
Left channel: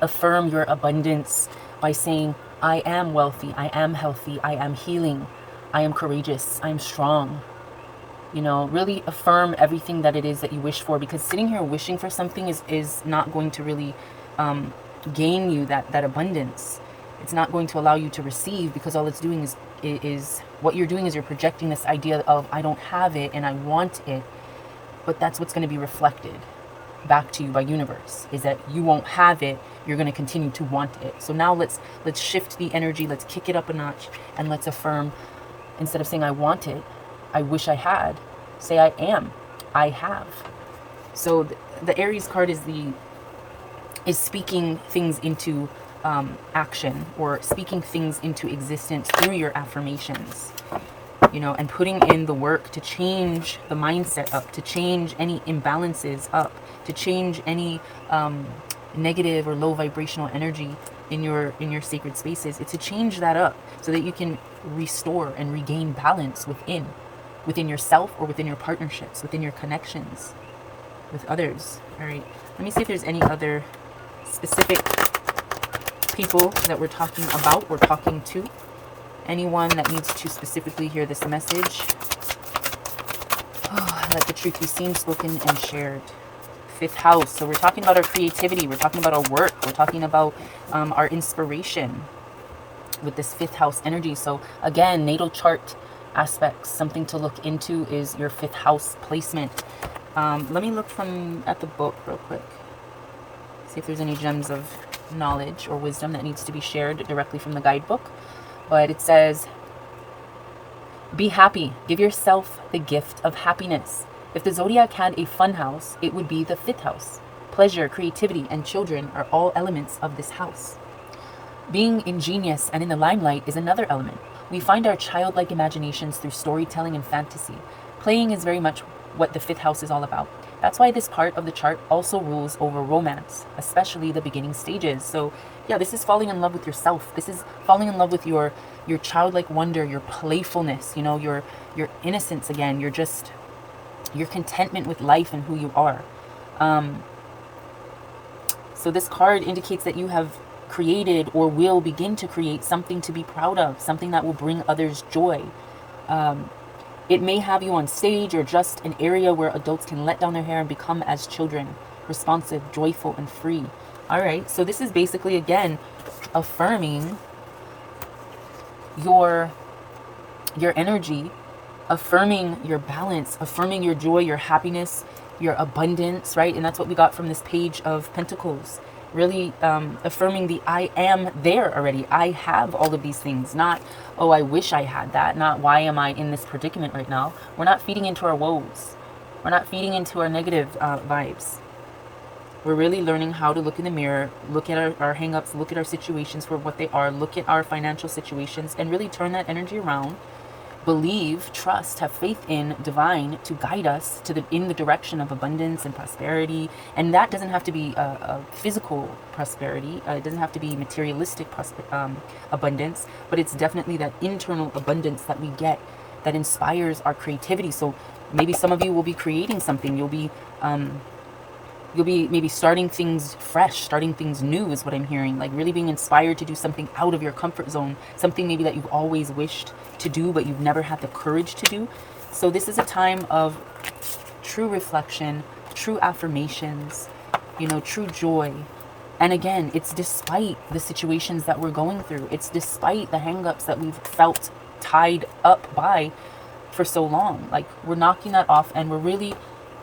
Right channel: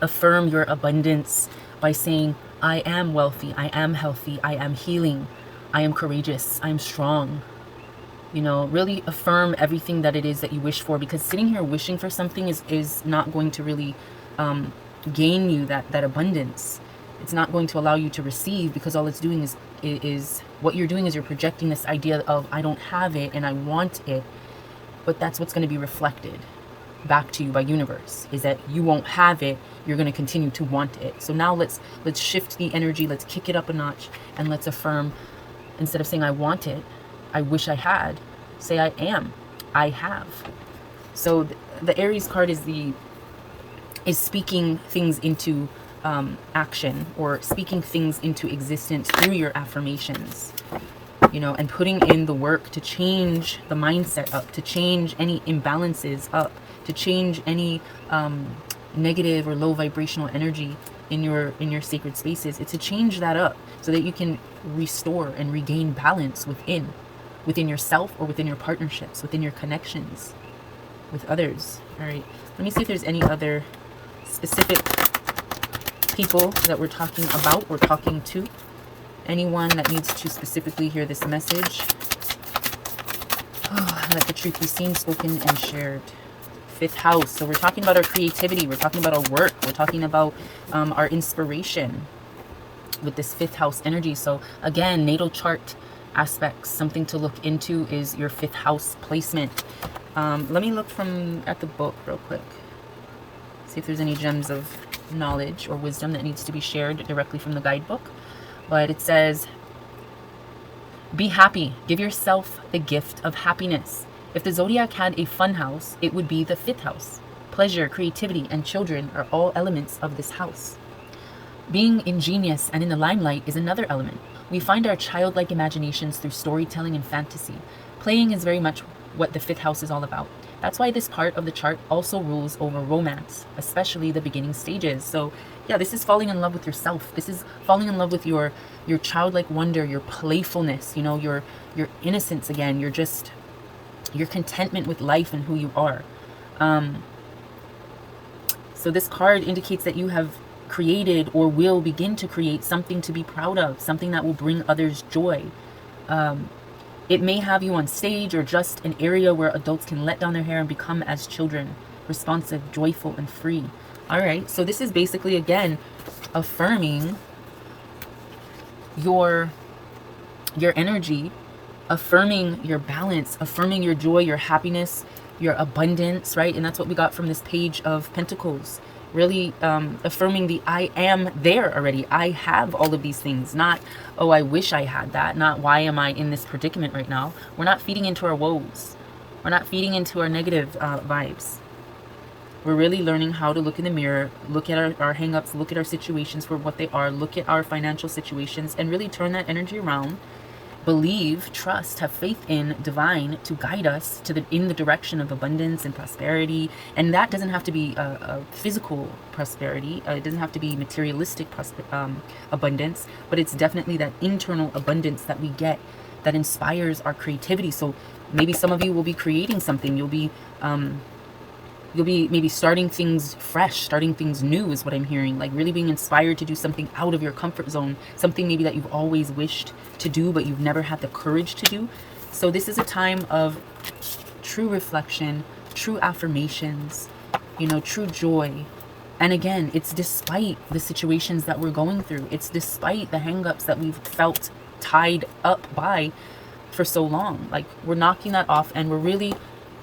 affirm your abundance by saying, I am wealthy, I am healthy, I am healing, I am courageous, I am strong. You know, really affirm everything that it is that you wish for, because sitting here wishing for something is not going to really gain you that abundance. It's not going to allow you to receive, because all it's doing is what you're doing is you're projecting this idea of I don't have it and I want it, but that's what's going to be reflected back to you by universe, is that you won't have it, you're going to continue to want it. So now let's shift the energy, let's kick it up a notch, and let's affirm, instead of saying I want it, I wish I had, say I am, I have. So the Aries card is speaking things into action, or speaking things into existence through your affirmations, you know, and putting in the work to change the mindset up, to change any imbalances up, to change any negative or low vibrational energy in your sacred spaces. It's to change that up so that you can restore and regain balance within yourself, or within your partnerships, within your connections with others. All right, let me see if there's any other specific people that we're talking about or talking to. Anyone that needs to specifically hear this message. Oh, let the truth be seen, spoken, and shared. Fifth house. So we're talking about our creativity. We're talking about our work. We're talking about our inspiration with this fifth house energy. So again, natal chart aspects. Something to look into is your fifth house placement. Let me look at the book real quick. See if there's any gems of knowledge or wisdom that needs to be shared directly from the guidebook. But it says, be happy. Give yourself the gift of happiness. If the zodiac had a fun house, it would be the fifth house. Pleasure, creativity, and children are all elements of this house. Being ingenious and in the limelight is another element. We find our childlike imaginations through storytelling and fantasy. Playing is very much what the fifth house is all about. That's why this part of the chart also rules over romance, especially the beginning stages. So yeah, this is falling in love with yourself. This is falling in love with your childlike wonder, your playfulness, you know, your innocence again, your contentment with life and who you are. So this card indicates that you have created or will begin to create something to be proud of, something that will bring others joy. It may have you on stage or just an area where adults can let down their hair and become as children, responsive, joyful, and free. All right, so this is basically, again, affirming your energy, affirming your balance, affirming your joy, your happiness, your abundance, right? And that's what we got from this Page of Pentacles. Really affirming the I am there already. I have all of these things. Not, oh, I wish I had that. Not, why am I in this predicament right now? We're not feeding into our woes. We're not feeding into our negative vibes. We're really learning how to look in the mirror, look at our hang-ups, look at our situations for what they are, look at our financial situations, and really turn that energy around. Believe, trust, have faith in divine to guide us to in the direction of abundance and prosperity. And that doesn't have to be a physical prosperity. It doesn't have to be materialistic abundance, but it's definitely that internal abundance that we get that inspires our creativity. So maybe some of you will be creating something. You'll be maybe starting things fresh, starting things new is what I'm hearing. Like really being inspired to do something out of your comfort zone. Something maybe that you've always wished to do, but you've never had the courage to do. So this is a time of true reflection, true affirmations, true joy. And again, it's despite the situations that we're going through. It's despite the hang-ups that we've felt tied up by for so long. Like we're knocking that off and we're really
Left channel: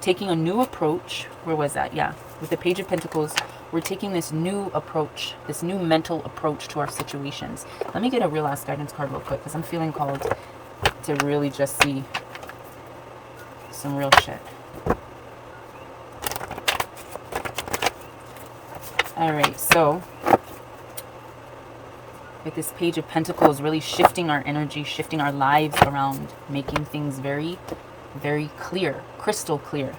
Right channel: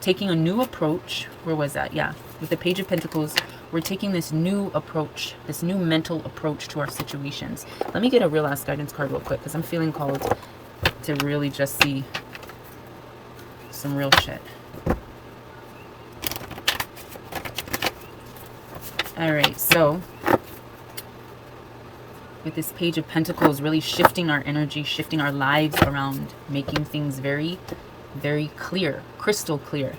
taking a new approach. Where was that? Yeah, with the Page of Pentacles, we're taking this new approach, this new mental approach to our situations. Let me get a real ass guidance card real quick because I'm feeling called to really just see some real shit. All right, so with this Page of Pentacles, really shifting our energy, shifting our lives around, making things very, very clear, crystal clear.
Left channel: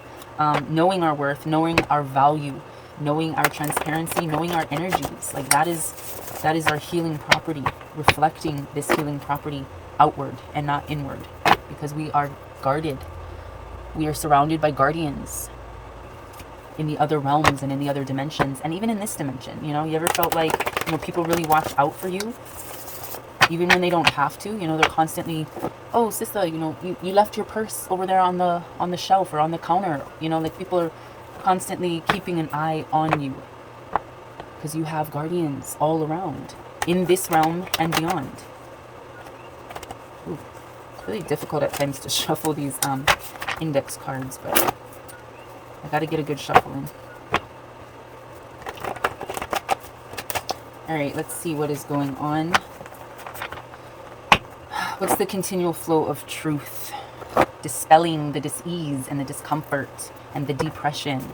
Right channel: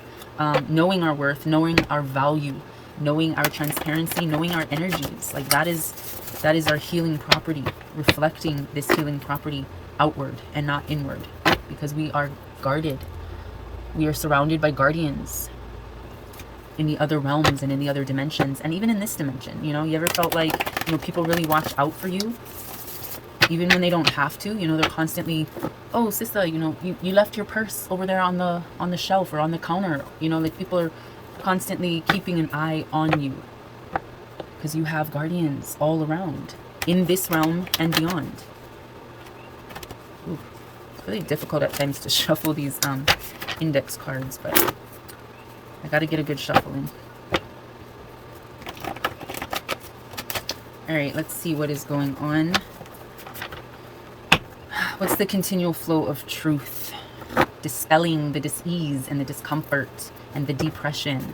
Knowing our worth, knowing our value, knowing our transparency, knowing our energies. Like that is our healing property, reflecting this healing property outward and not inward, because we are guarded. We are surrounded by guardians in the other realms and in the other dimensions, and even in this dimension. You ever felt like, people really watch out for you, even when they don't have to? They're constantly, oh, sister, you left your purse over there on the shelf or on the counter. Like people are constantly keeping an eye on you because you have guardians all around in this realm and beyond. Ooh, it's really difficult at times to shuffle these index cards, but I got to get a good shuffle in. All right, let's see what is going on. What's the continual flow of truth? Dispelling the dis-ease and the discomfort and the depression,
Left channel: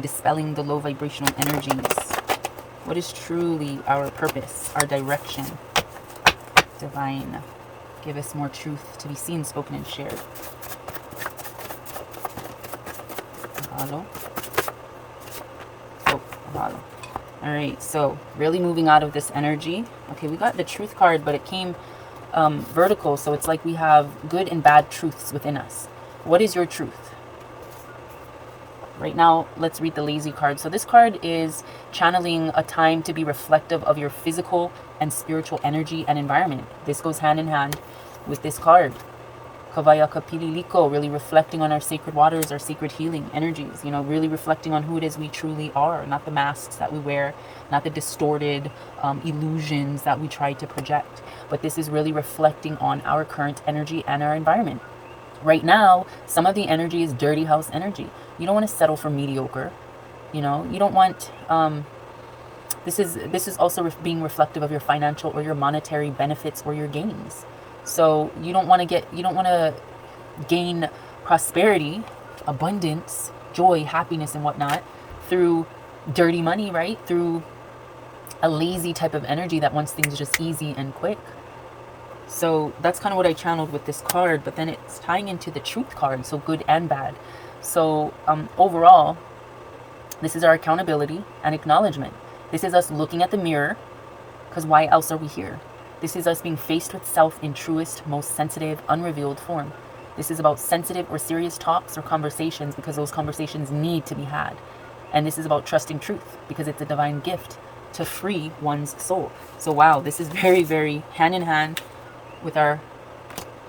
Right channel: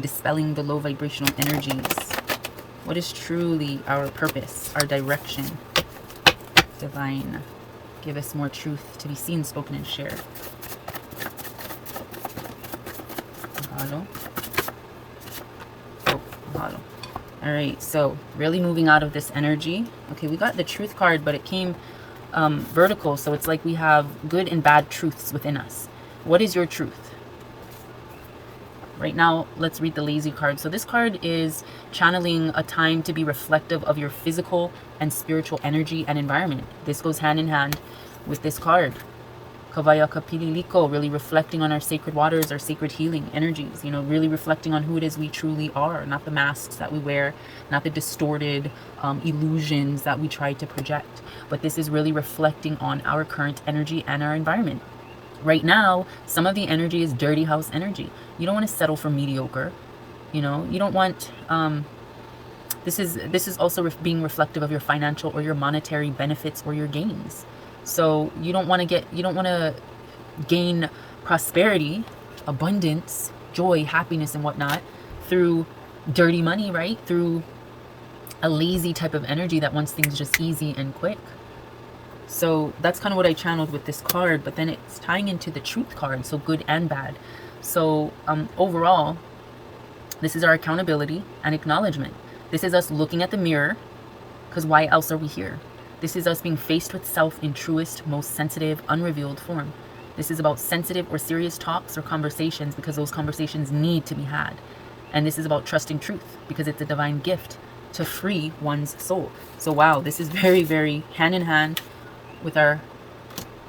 dispelling the low vibrational energies. What is truly our purpose, our direction? Divine, give us more truth to be seen, spoken, and shared. Mahalo. Oh, mahalo. All right, so really moving out of this energy. Okay, we got the truth card, but it came vertical, so it's like we have good and bad truths within us. What is your truth? Right now, let's read the lazy card. So this card is channeling a time to be reflective of your physical and spiritual energy and environment. This goes hand in hand with this card. Kawaya Kapililiko, really reflecting on our sacred waters, our sacred healing energies, really reflecting on who it is we truly are, not the masks that we wear, not the distorted illusions that we try to project. But this is really reflecting on our current energy and our environment. Right now, some of the energy is dirty house energy. You don't want to settle for mediocre. You don't want, this is also being reflective of your financial or your monetary benefits or your gains. So you don't want to gain prosperity, abundance, joy, happiness, and whatnot through dirty money, right? Through a lazy type of energy that wants things just easy and quick. So that's kind of what I channeled with this card, but then it's tying into the truth card, so good and bad. So overall, this is our accountability and acknowledgement. This is us looking at the mirror, because why else are we here? This is us being faced with self in truest, most sensitive, unrevealed form. This is about sensitive or serious talks or conversations because those conversations need to be had. And this is about trusting truth because it's a divine gift to free one's soul. So wow, this is very, very hand in hand with our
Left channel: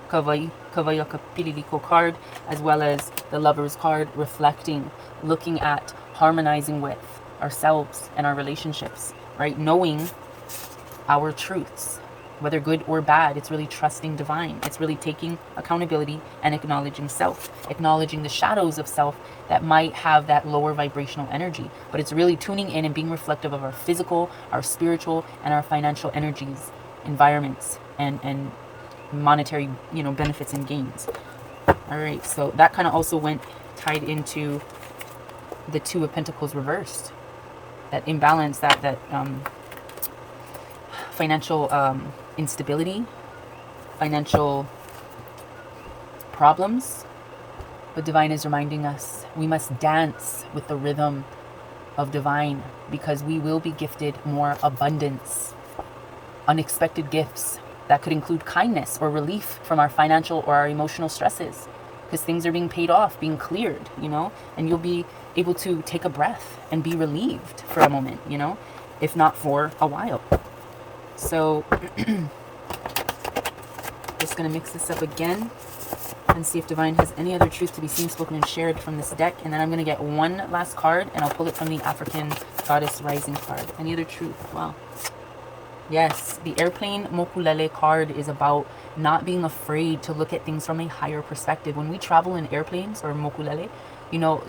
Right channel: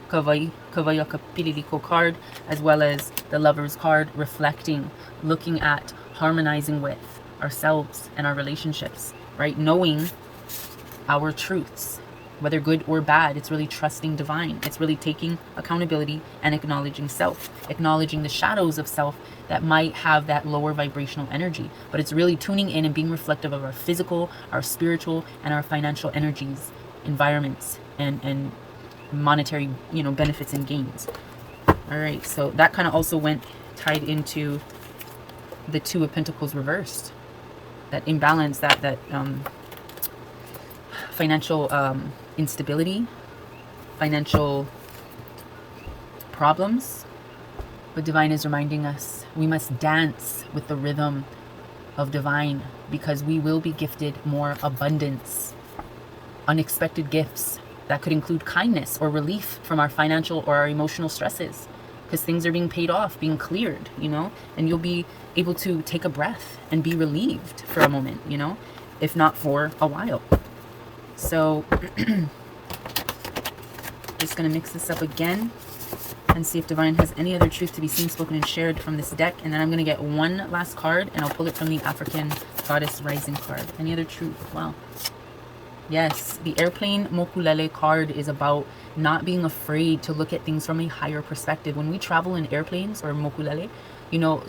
Hawai'i Kawaiaka Pililiko card, as well as the Lover's card, reflecting, looking at, harmonizing with ourselves and our relationships, right? Knowing our truths, whether good or bad. It's really trusting divine. It's really taking accountability and acknowledging self, acknowledging the shadows of self that might have that lower vibrational energy. But it's really tuning in and being reflective of our physical, our spiritual, and our financial energies, environments, and monetary, benefits and gains. All right, so that kind of also went tied into the Two of Pentacles reversed. That imbalance, that financial instability, financial problems. But divine is reminding us we must dance with the rhythm of divine, because we will be gifted more abundance, unexpected gifts that could include kindness or relief from our financial or our emotional stresses, because things are being paid off, being cleared, and you'll be able to take a breath and be relieved for a moment, if not for a while. So just going to mix this up again and see if divine has any other truth to be seen, spoken, and shared from this deck. And then I'm going to get one last card, and I'll pull it from the African Goddess Rising card. Any other truth? Well, yes, the Airplane Mokulele card is about not being afraid to look at things from a higher perspective. When we travel in airplanes or Mokulele,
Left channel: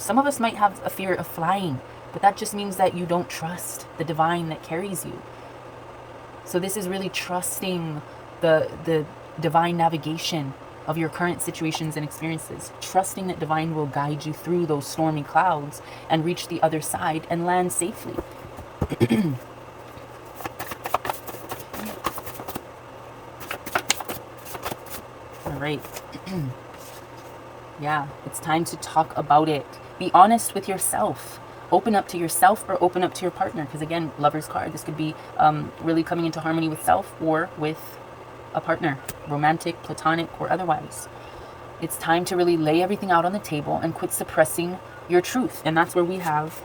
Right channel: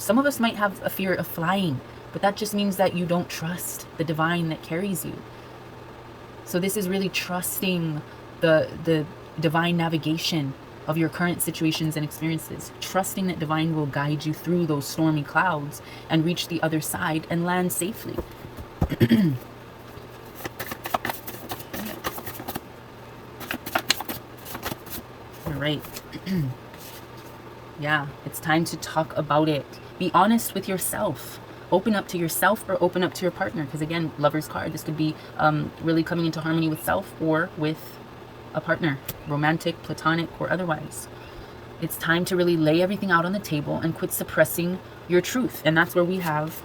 some of us might have a fear of flying, but that just means that you don't trust the divine that carries you. So this is really trusting the divine navigation of your current situations and experiences, trusting that divine will guide you through those stormy clouds and reach the other side and land safely. All right. Yeah, it's time to talk about it. Be honest with yourself. Open up to yourself or open up to your partner. Because again, Lover's card, this could be really coming into harmony with self or with a partner, romantic, platonic, or otherwise. It's time to really lay everything out on the table and quit suppressing your truth. And that's where we have,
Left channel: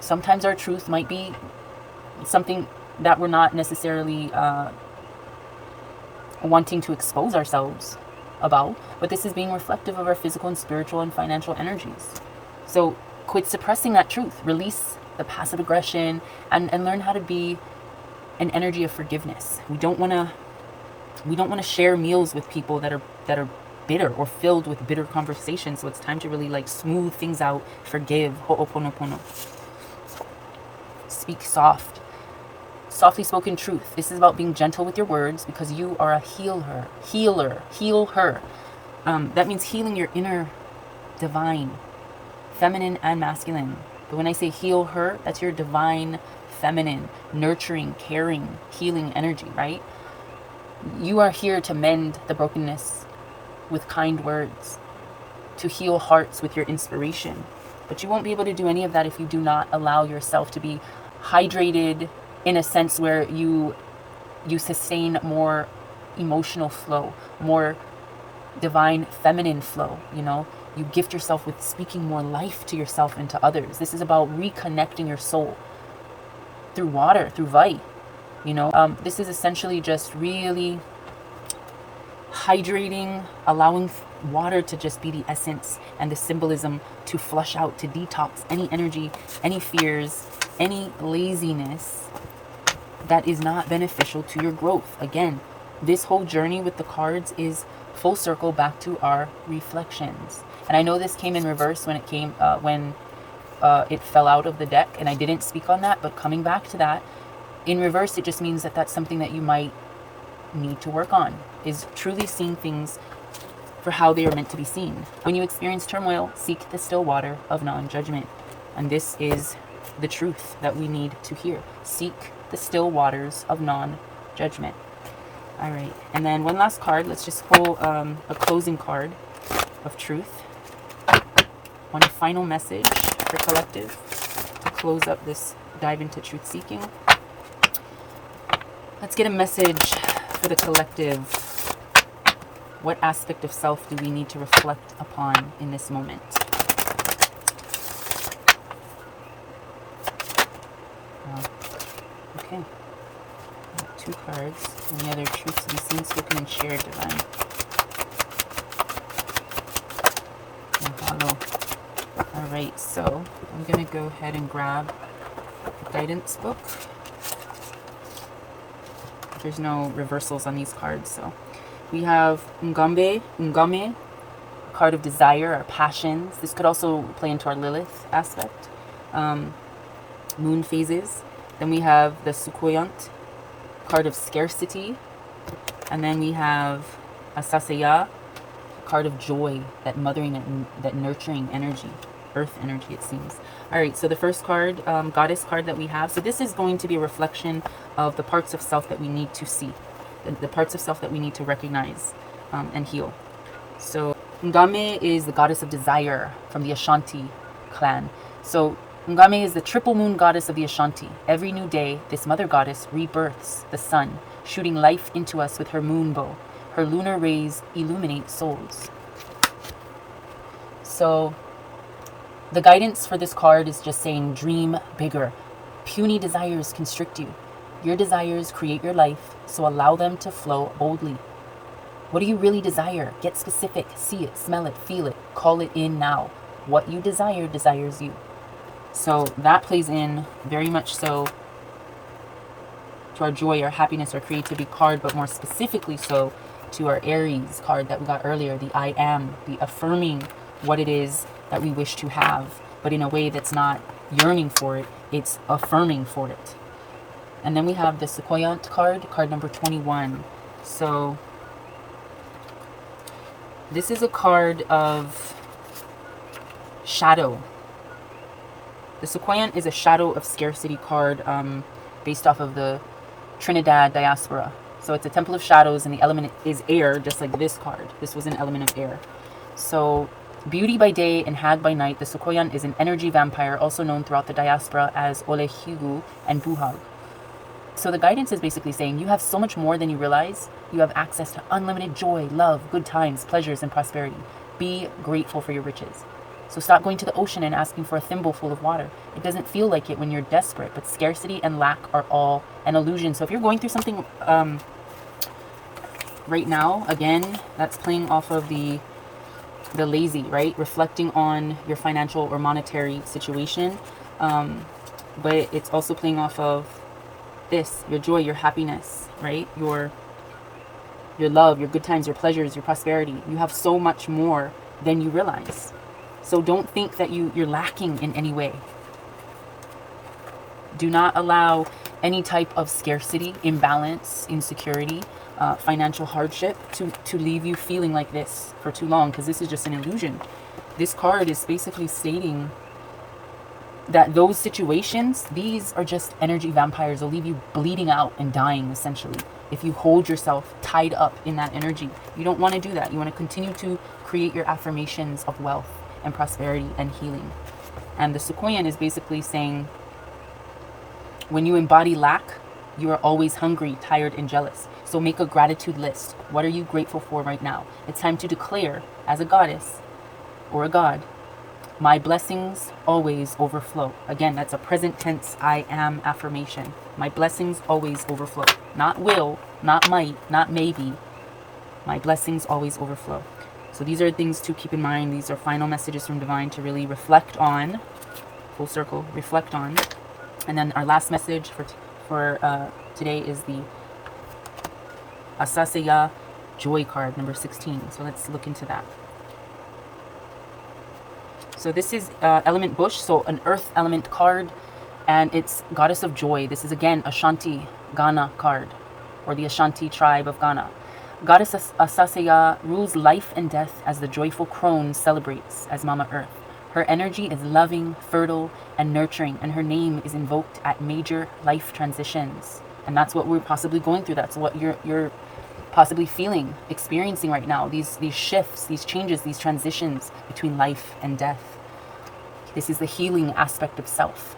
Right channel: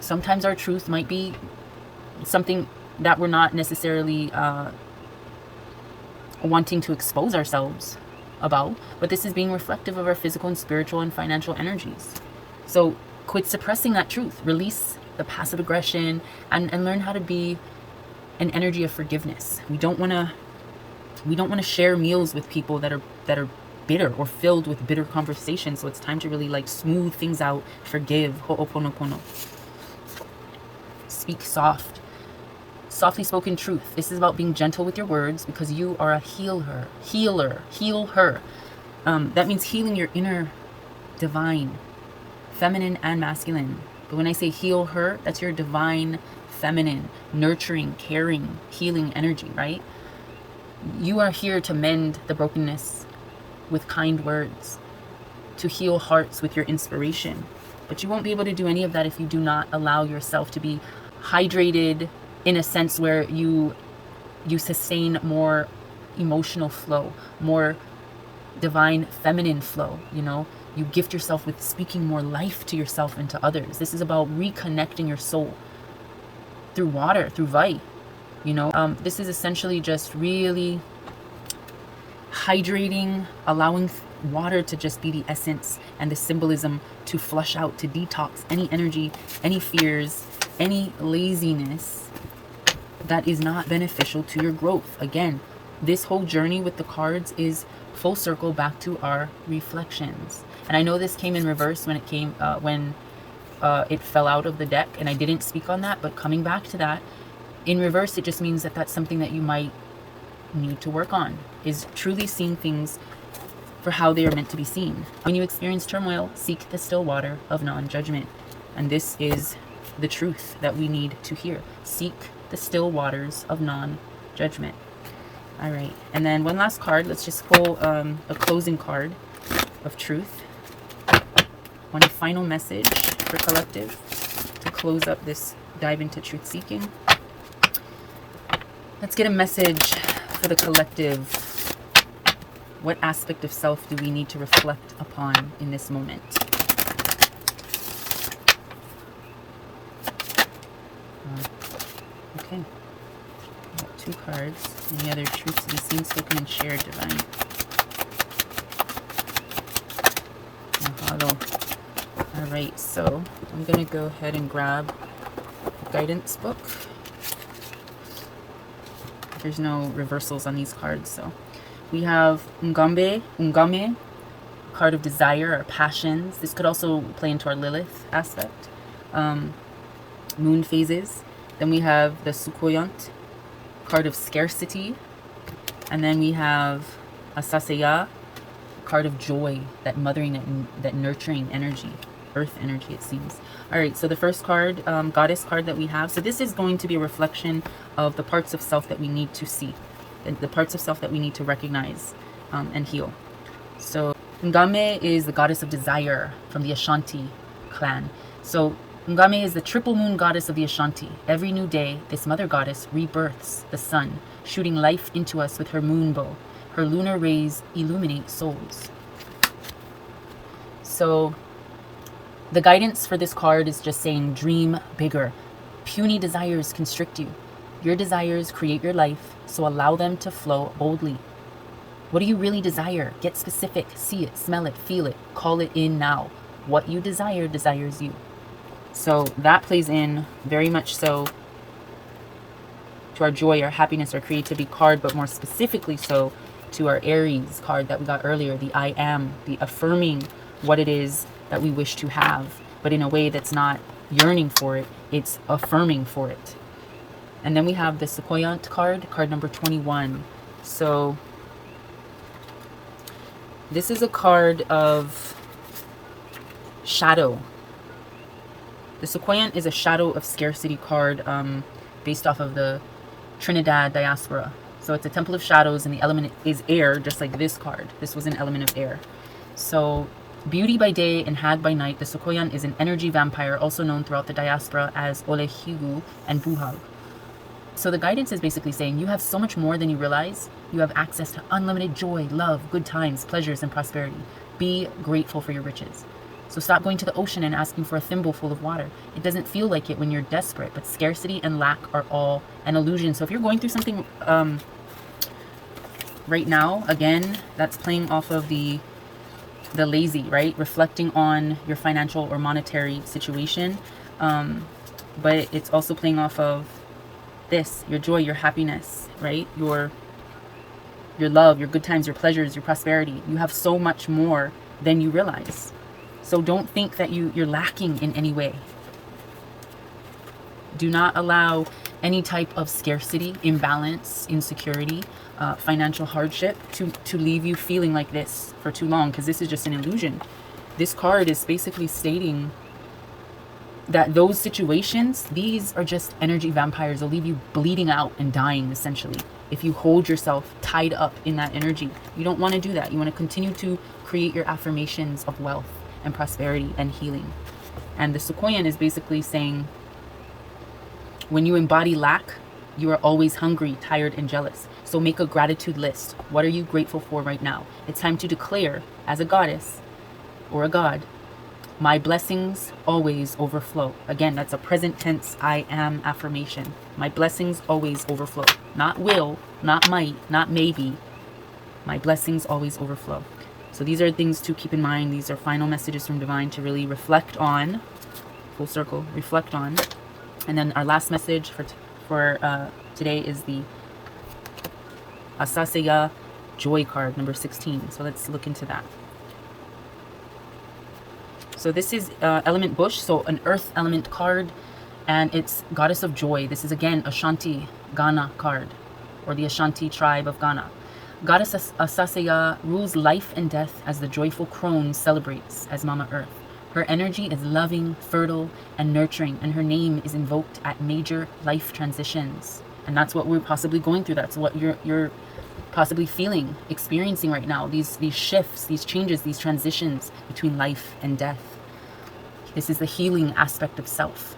sometimes our truth might be something that we're not necessarily wanting to expose ourselves about, but this is being reflective of our physical and spiritual and financial energies. So quit suppressing that truth, release the passive aggression, and learn how to be an energy of forgiveness. We don't want to share meals with people that are bitter or filled with bitter conversations. So it's time to really smooth things out, forgive, ho'oponopono. Speak softly spoken truth. This is about being gentle with your words, because you are a healer. Heal her. That means healing your inner divine, feminine and masculine. But when I say heal her, that's your divine feminine, nurturing, caring, healing energy, right? You are here to mend the brokenness with kind words, to heal hearts with your inspiration. But you won't be able to do any of that if you do not allow yourself to be hydrated, in a sense where you sustain more emotional flow, more divine feminine flow. You gift yourself with speaking more life to yourself and to others. This is about reconnecting your soul through water, through Vai. This is essentially just really hydrating, allowing water to just be the essence and the symbolism to flush out, to detox any energy, any fears, any laziness that is not beneficial to your growth. Again, this whole journey with the cards is full circle back to our reflections. And I know this came in reverse when it fell out of the deck, and I didn't speak on that, but coming back to that, in reverse, it just means that that's something that you might need to work on, is truly seeing things for how they are meant to be seen. When you experience turmoil, seek the still water of non-judgment. And this is the truth that we need to hear. Seek the still waters of non-judgment. All right, and then one last card. Let's just pull a closing card of truth. One final message for collective to close up this dive into truth seeking. Let's get a message for the collective. What aspect of self do we need to reflect upon in this moment? Okay. Got 2 cards. Any other truths to be seen, spoken, and shared, divine? Mahalo. All right, so I'm going to go ahead and grab the guidance book. There's no reversals on these cards, so we have Ngame, card of desire or passions. This could also play into our Lilith aspect. Moon phases. Then we have the Sukoyant, card of scarcity. And then we have Asaseya, card of joy, that mothering, that nurturing energy, earth energy, it seems. All right, so the first card, goddess card that we have. So this is going to be a reflection of the parts of self that we need to see, the parts of self that we need to recognize and heal. So Ngame is the goddess of desire from the Ashanti clan. So Ngame is the triple moon goddess of the Ashanti. Every new day, this mother goddess rebirths the sun, shooting life into us with her moon bow. Her lunar rays illuminate souls. So the guidance for this card is just saying, dream bigger. Puny desires constrict you. Your desires create your life, so allow them to flow boldly. What do you really desire? Get specific. See it, smell it, feel it. Call it in now. What you desire desires you. So that plays in very much so to our joy, our happiness, our creativity card, but more specifically so to our Aries card that we got earlier, the I am, the affirming what it is that we wish to have, but in a way that's not yearning for it, it's affirming for it. And then we have the Sequoiant card, card number 21. So this is a card of shadow. The Sequoiant is a shadow of scarcity card based off of the Trinidad diaspora. So it's a temple of shadows and the element is air, just like this card. This was an element of air. So beauty by day and hag by night, the Sequoiant is an energy vampire, also known throughout the diaspora as Olehigu and Buhag. So the guidance is basically saying you have so much more than you realize. You have access to unlimited joy, love, good times, pleasures, and prosperity. Be grateful for your riches. So stop going to the ocean and asking for a thimble full of water. It doesn't feel like it when you're desperate, but scarcity and lack are all an illusion. So if you're going through something right now, again, that's playing off of the lazy, right? Reflecting on your financial or monetary situation. But it's also playing off of this, your joy, your happiness, right? Your love, your good times, your pleasures, your prosperity. You have so much more than you realize. So don't think that you're lacking in any way. Do not allow any type of scarcity, imbalance, insecurity, financial hardship to leave you feeling like this for too long, because this is just an illusion. This card is basically stating that those situations, these are just energy vampires. They'll leave you bleeding out and dying, essentially, if you hold yourself tied up in that energy. You don't want to do that. You want to continue to create your affirmations of wealth and prosperity and healing. And the Sequoian is basically saying, when you embody lack, you are always hungry, tired, and jealous. So make a gratitude list. What are you grateful for right now? It's time to declare, as a goddess or a god, my blessings always overflow. Again, that's a present tense I am affirmation. My blessings always overflow. Not will, not might, not maybe. My blessings always overflow. So these are things to keep in mind. These are final messages from Divine to really reflect on. Full circle, reflect on. And then our last message for today is the Asaseya Joy card, number 16. So let's look into that. So this is element bush, so an earth element card, and it's goddess of joy. This is again Ashanti Ghana card, or the Ashanti tribe of Ghana. Goddess Asaseya rules life and death as the joyful crone celebrates as Mama Earth. Her energy is loving, fertile, and nurturing, and her name is invoked at major life transitions. And that's what we're possibly going through. That's what you're possibly feeling, experiencing right now. These shifts, these changes, these transitions between life and death. This is the healing aspect of self.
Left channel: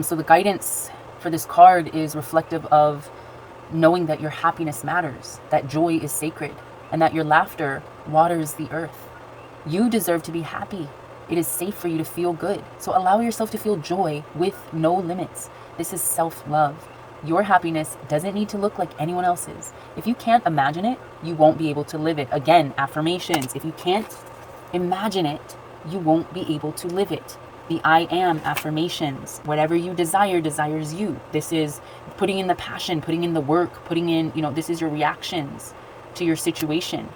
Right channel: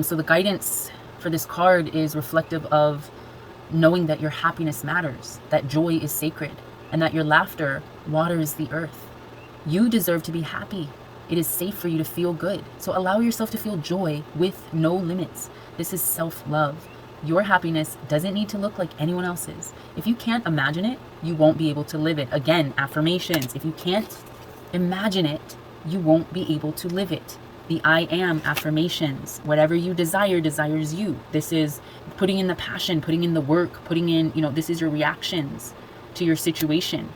So the guidance for this card is reflective of knowing that your happiness matters, that joy is sacred, and that your laughter waters the earth. You deserve to be happy. It is safe for you to feel good. So allow yourself to feel joy with no limits. This is self-love. Your happiness doesn't need to look like anyone else's. If you can't imagine it, you won't be able to live it. Again, affirmations. If you can't imagine it, you won't be able to live it. The I am affirmations. Whatever you desire, desires you. This is putting in the passion, putting in the work, putting in, this is your reactions to your situation.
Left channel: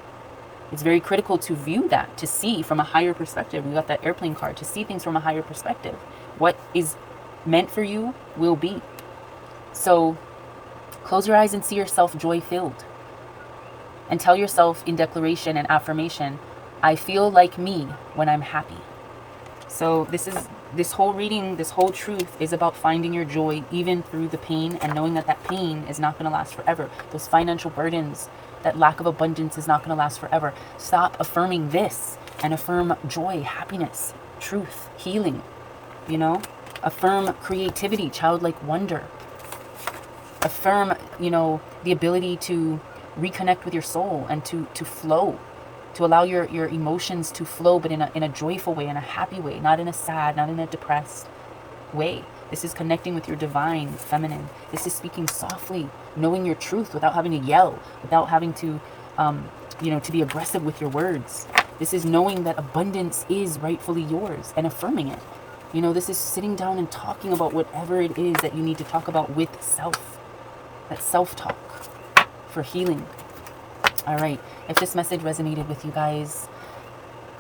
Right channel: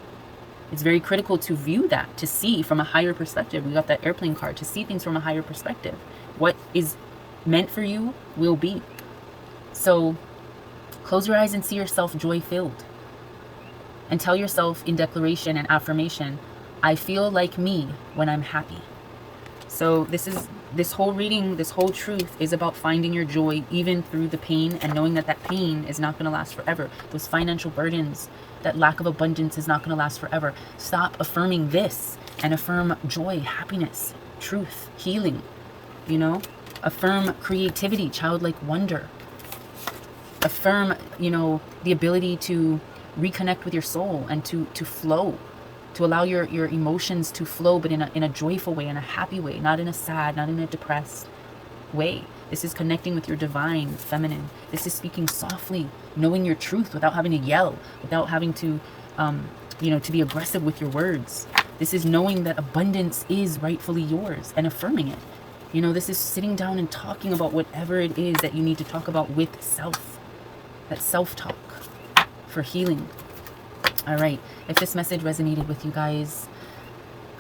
It's very critical to view that, to see from a higher perspective. We got that airplane card, to see things from a higher perspective. What is meant for you will be. So close your eyes and see yourself joy-filled. And tell yourself in declaration and affirmation, I feel like me when I'm happy. So this whole reading, this whole truth is about finding your joy even through the pain, and knowing that that pain is not going to last forever. Those financial burdens, that lack of abundance is not going to last forever. Stop affirming this and affirm joy, happiness, truth, healing, affirm creativity, childlike wonder. Affirm, the ability to reconnect with your soul and to flow, to allow your emotions to flow, but in a joyful way, in a happy way, not in a sad, not in a depressed way. This is connecting with your divine feminine. This is speaking softly, knowing your truth without having to yell, without having to, to be aggressive with your words. This is knowing that abundance is rightfully yours and affirming it. This is sitting down and talking about whatever it is that you need to talk about with self. That self-talk for healing. All right. If this message resonated with you guys,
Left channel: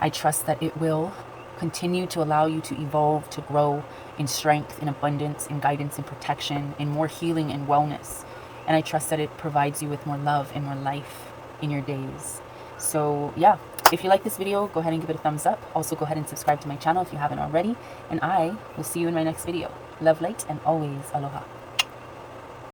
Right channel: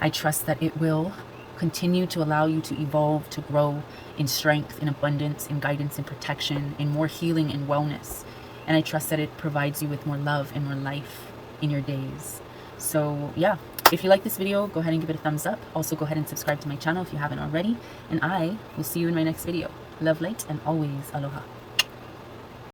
I trust that it will continue to allow you to evolve, to grow in strength, in abundance, in guidance, in protection, in more healing and wellness. And I trust that it provides you with more love and more life in your days. So yeah, if you like this video, go ahead and give it a thumbs up. Also, go ahead and subscribe to my channel if you haven't already. And I will see you in my next video. Love, light, and always aloha.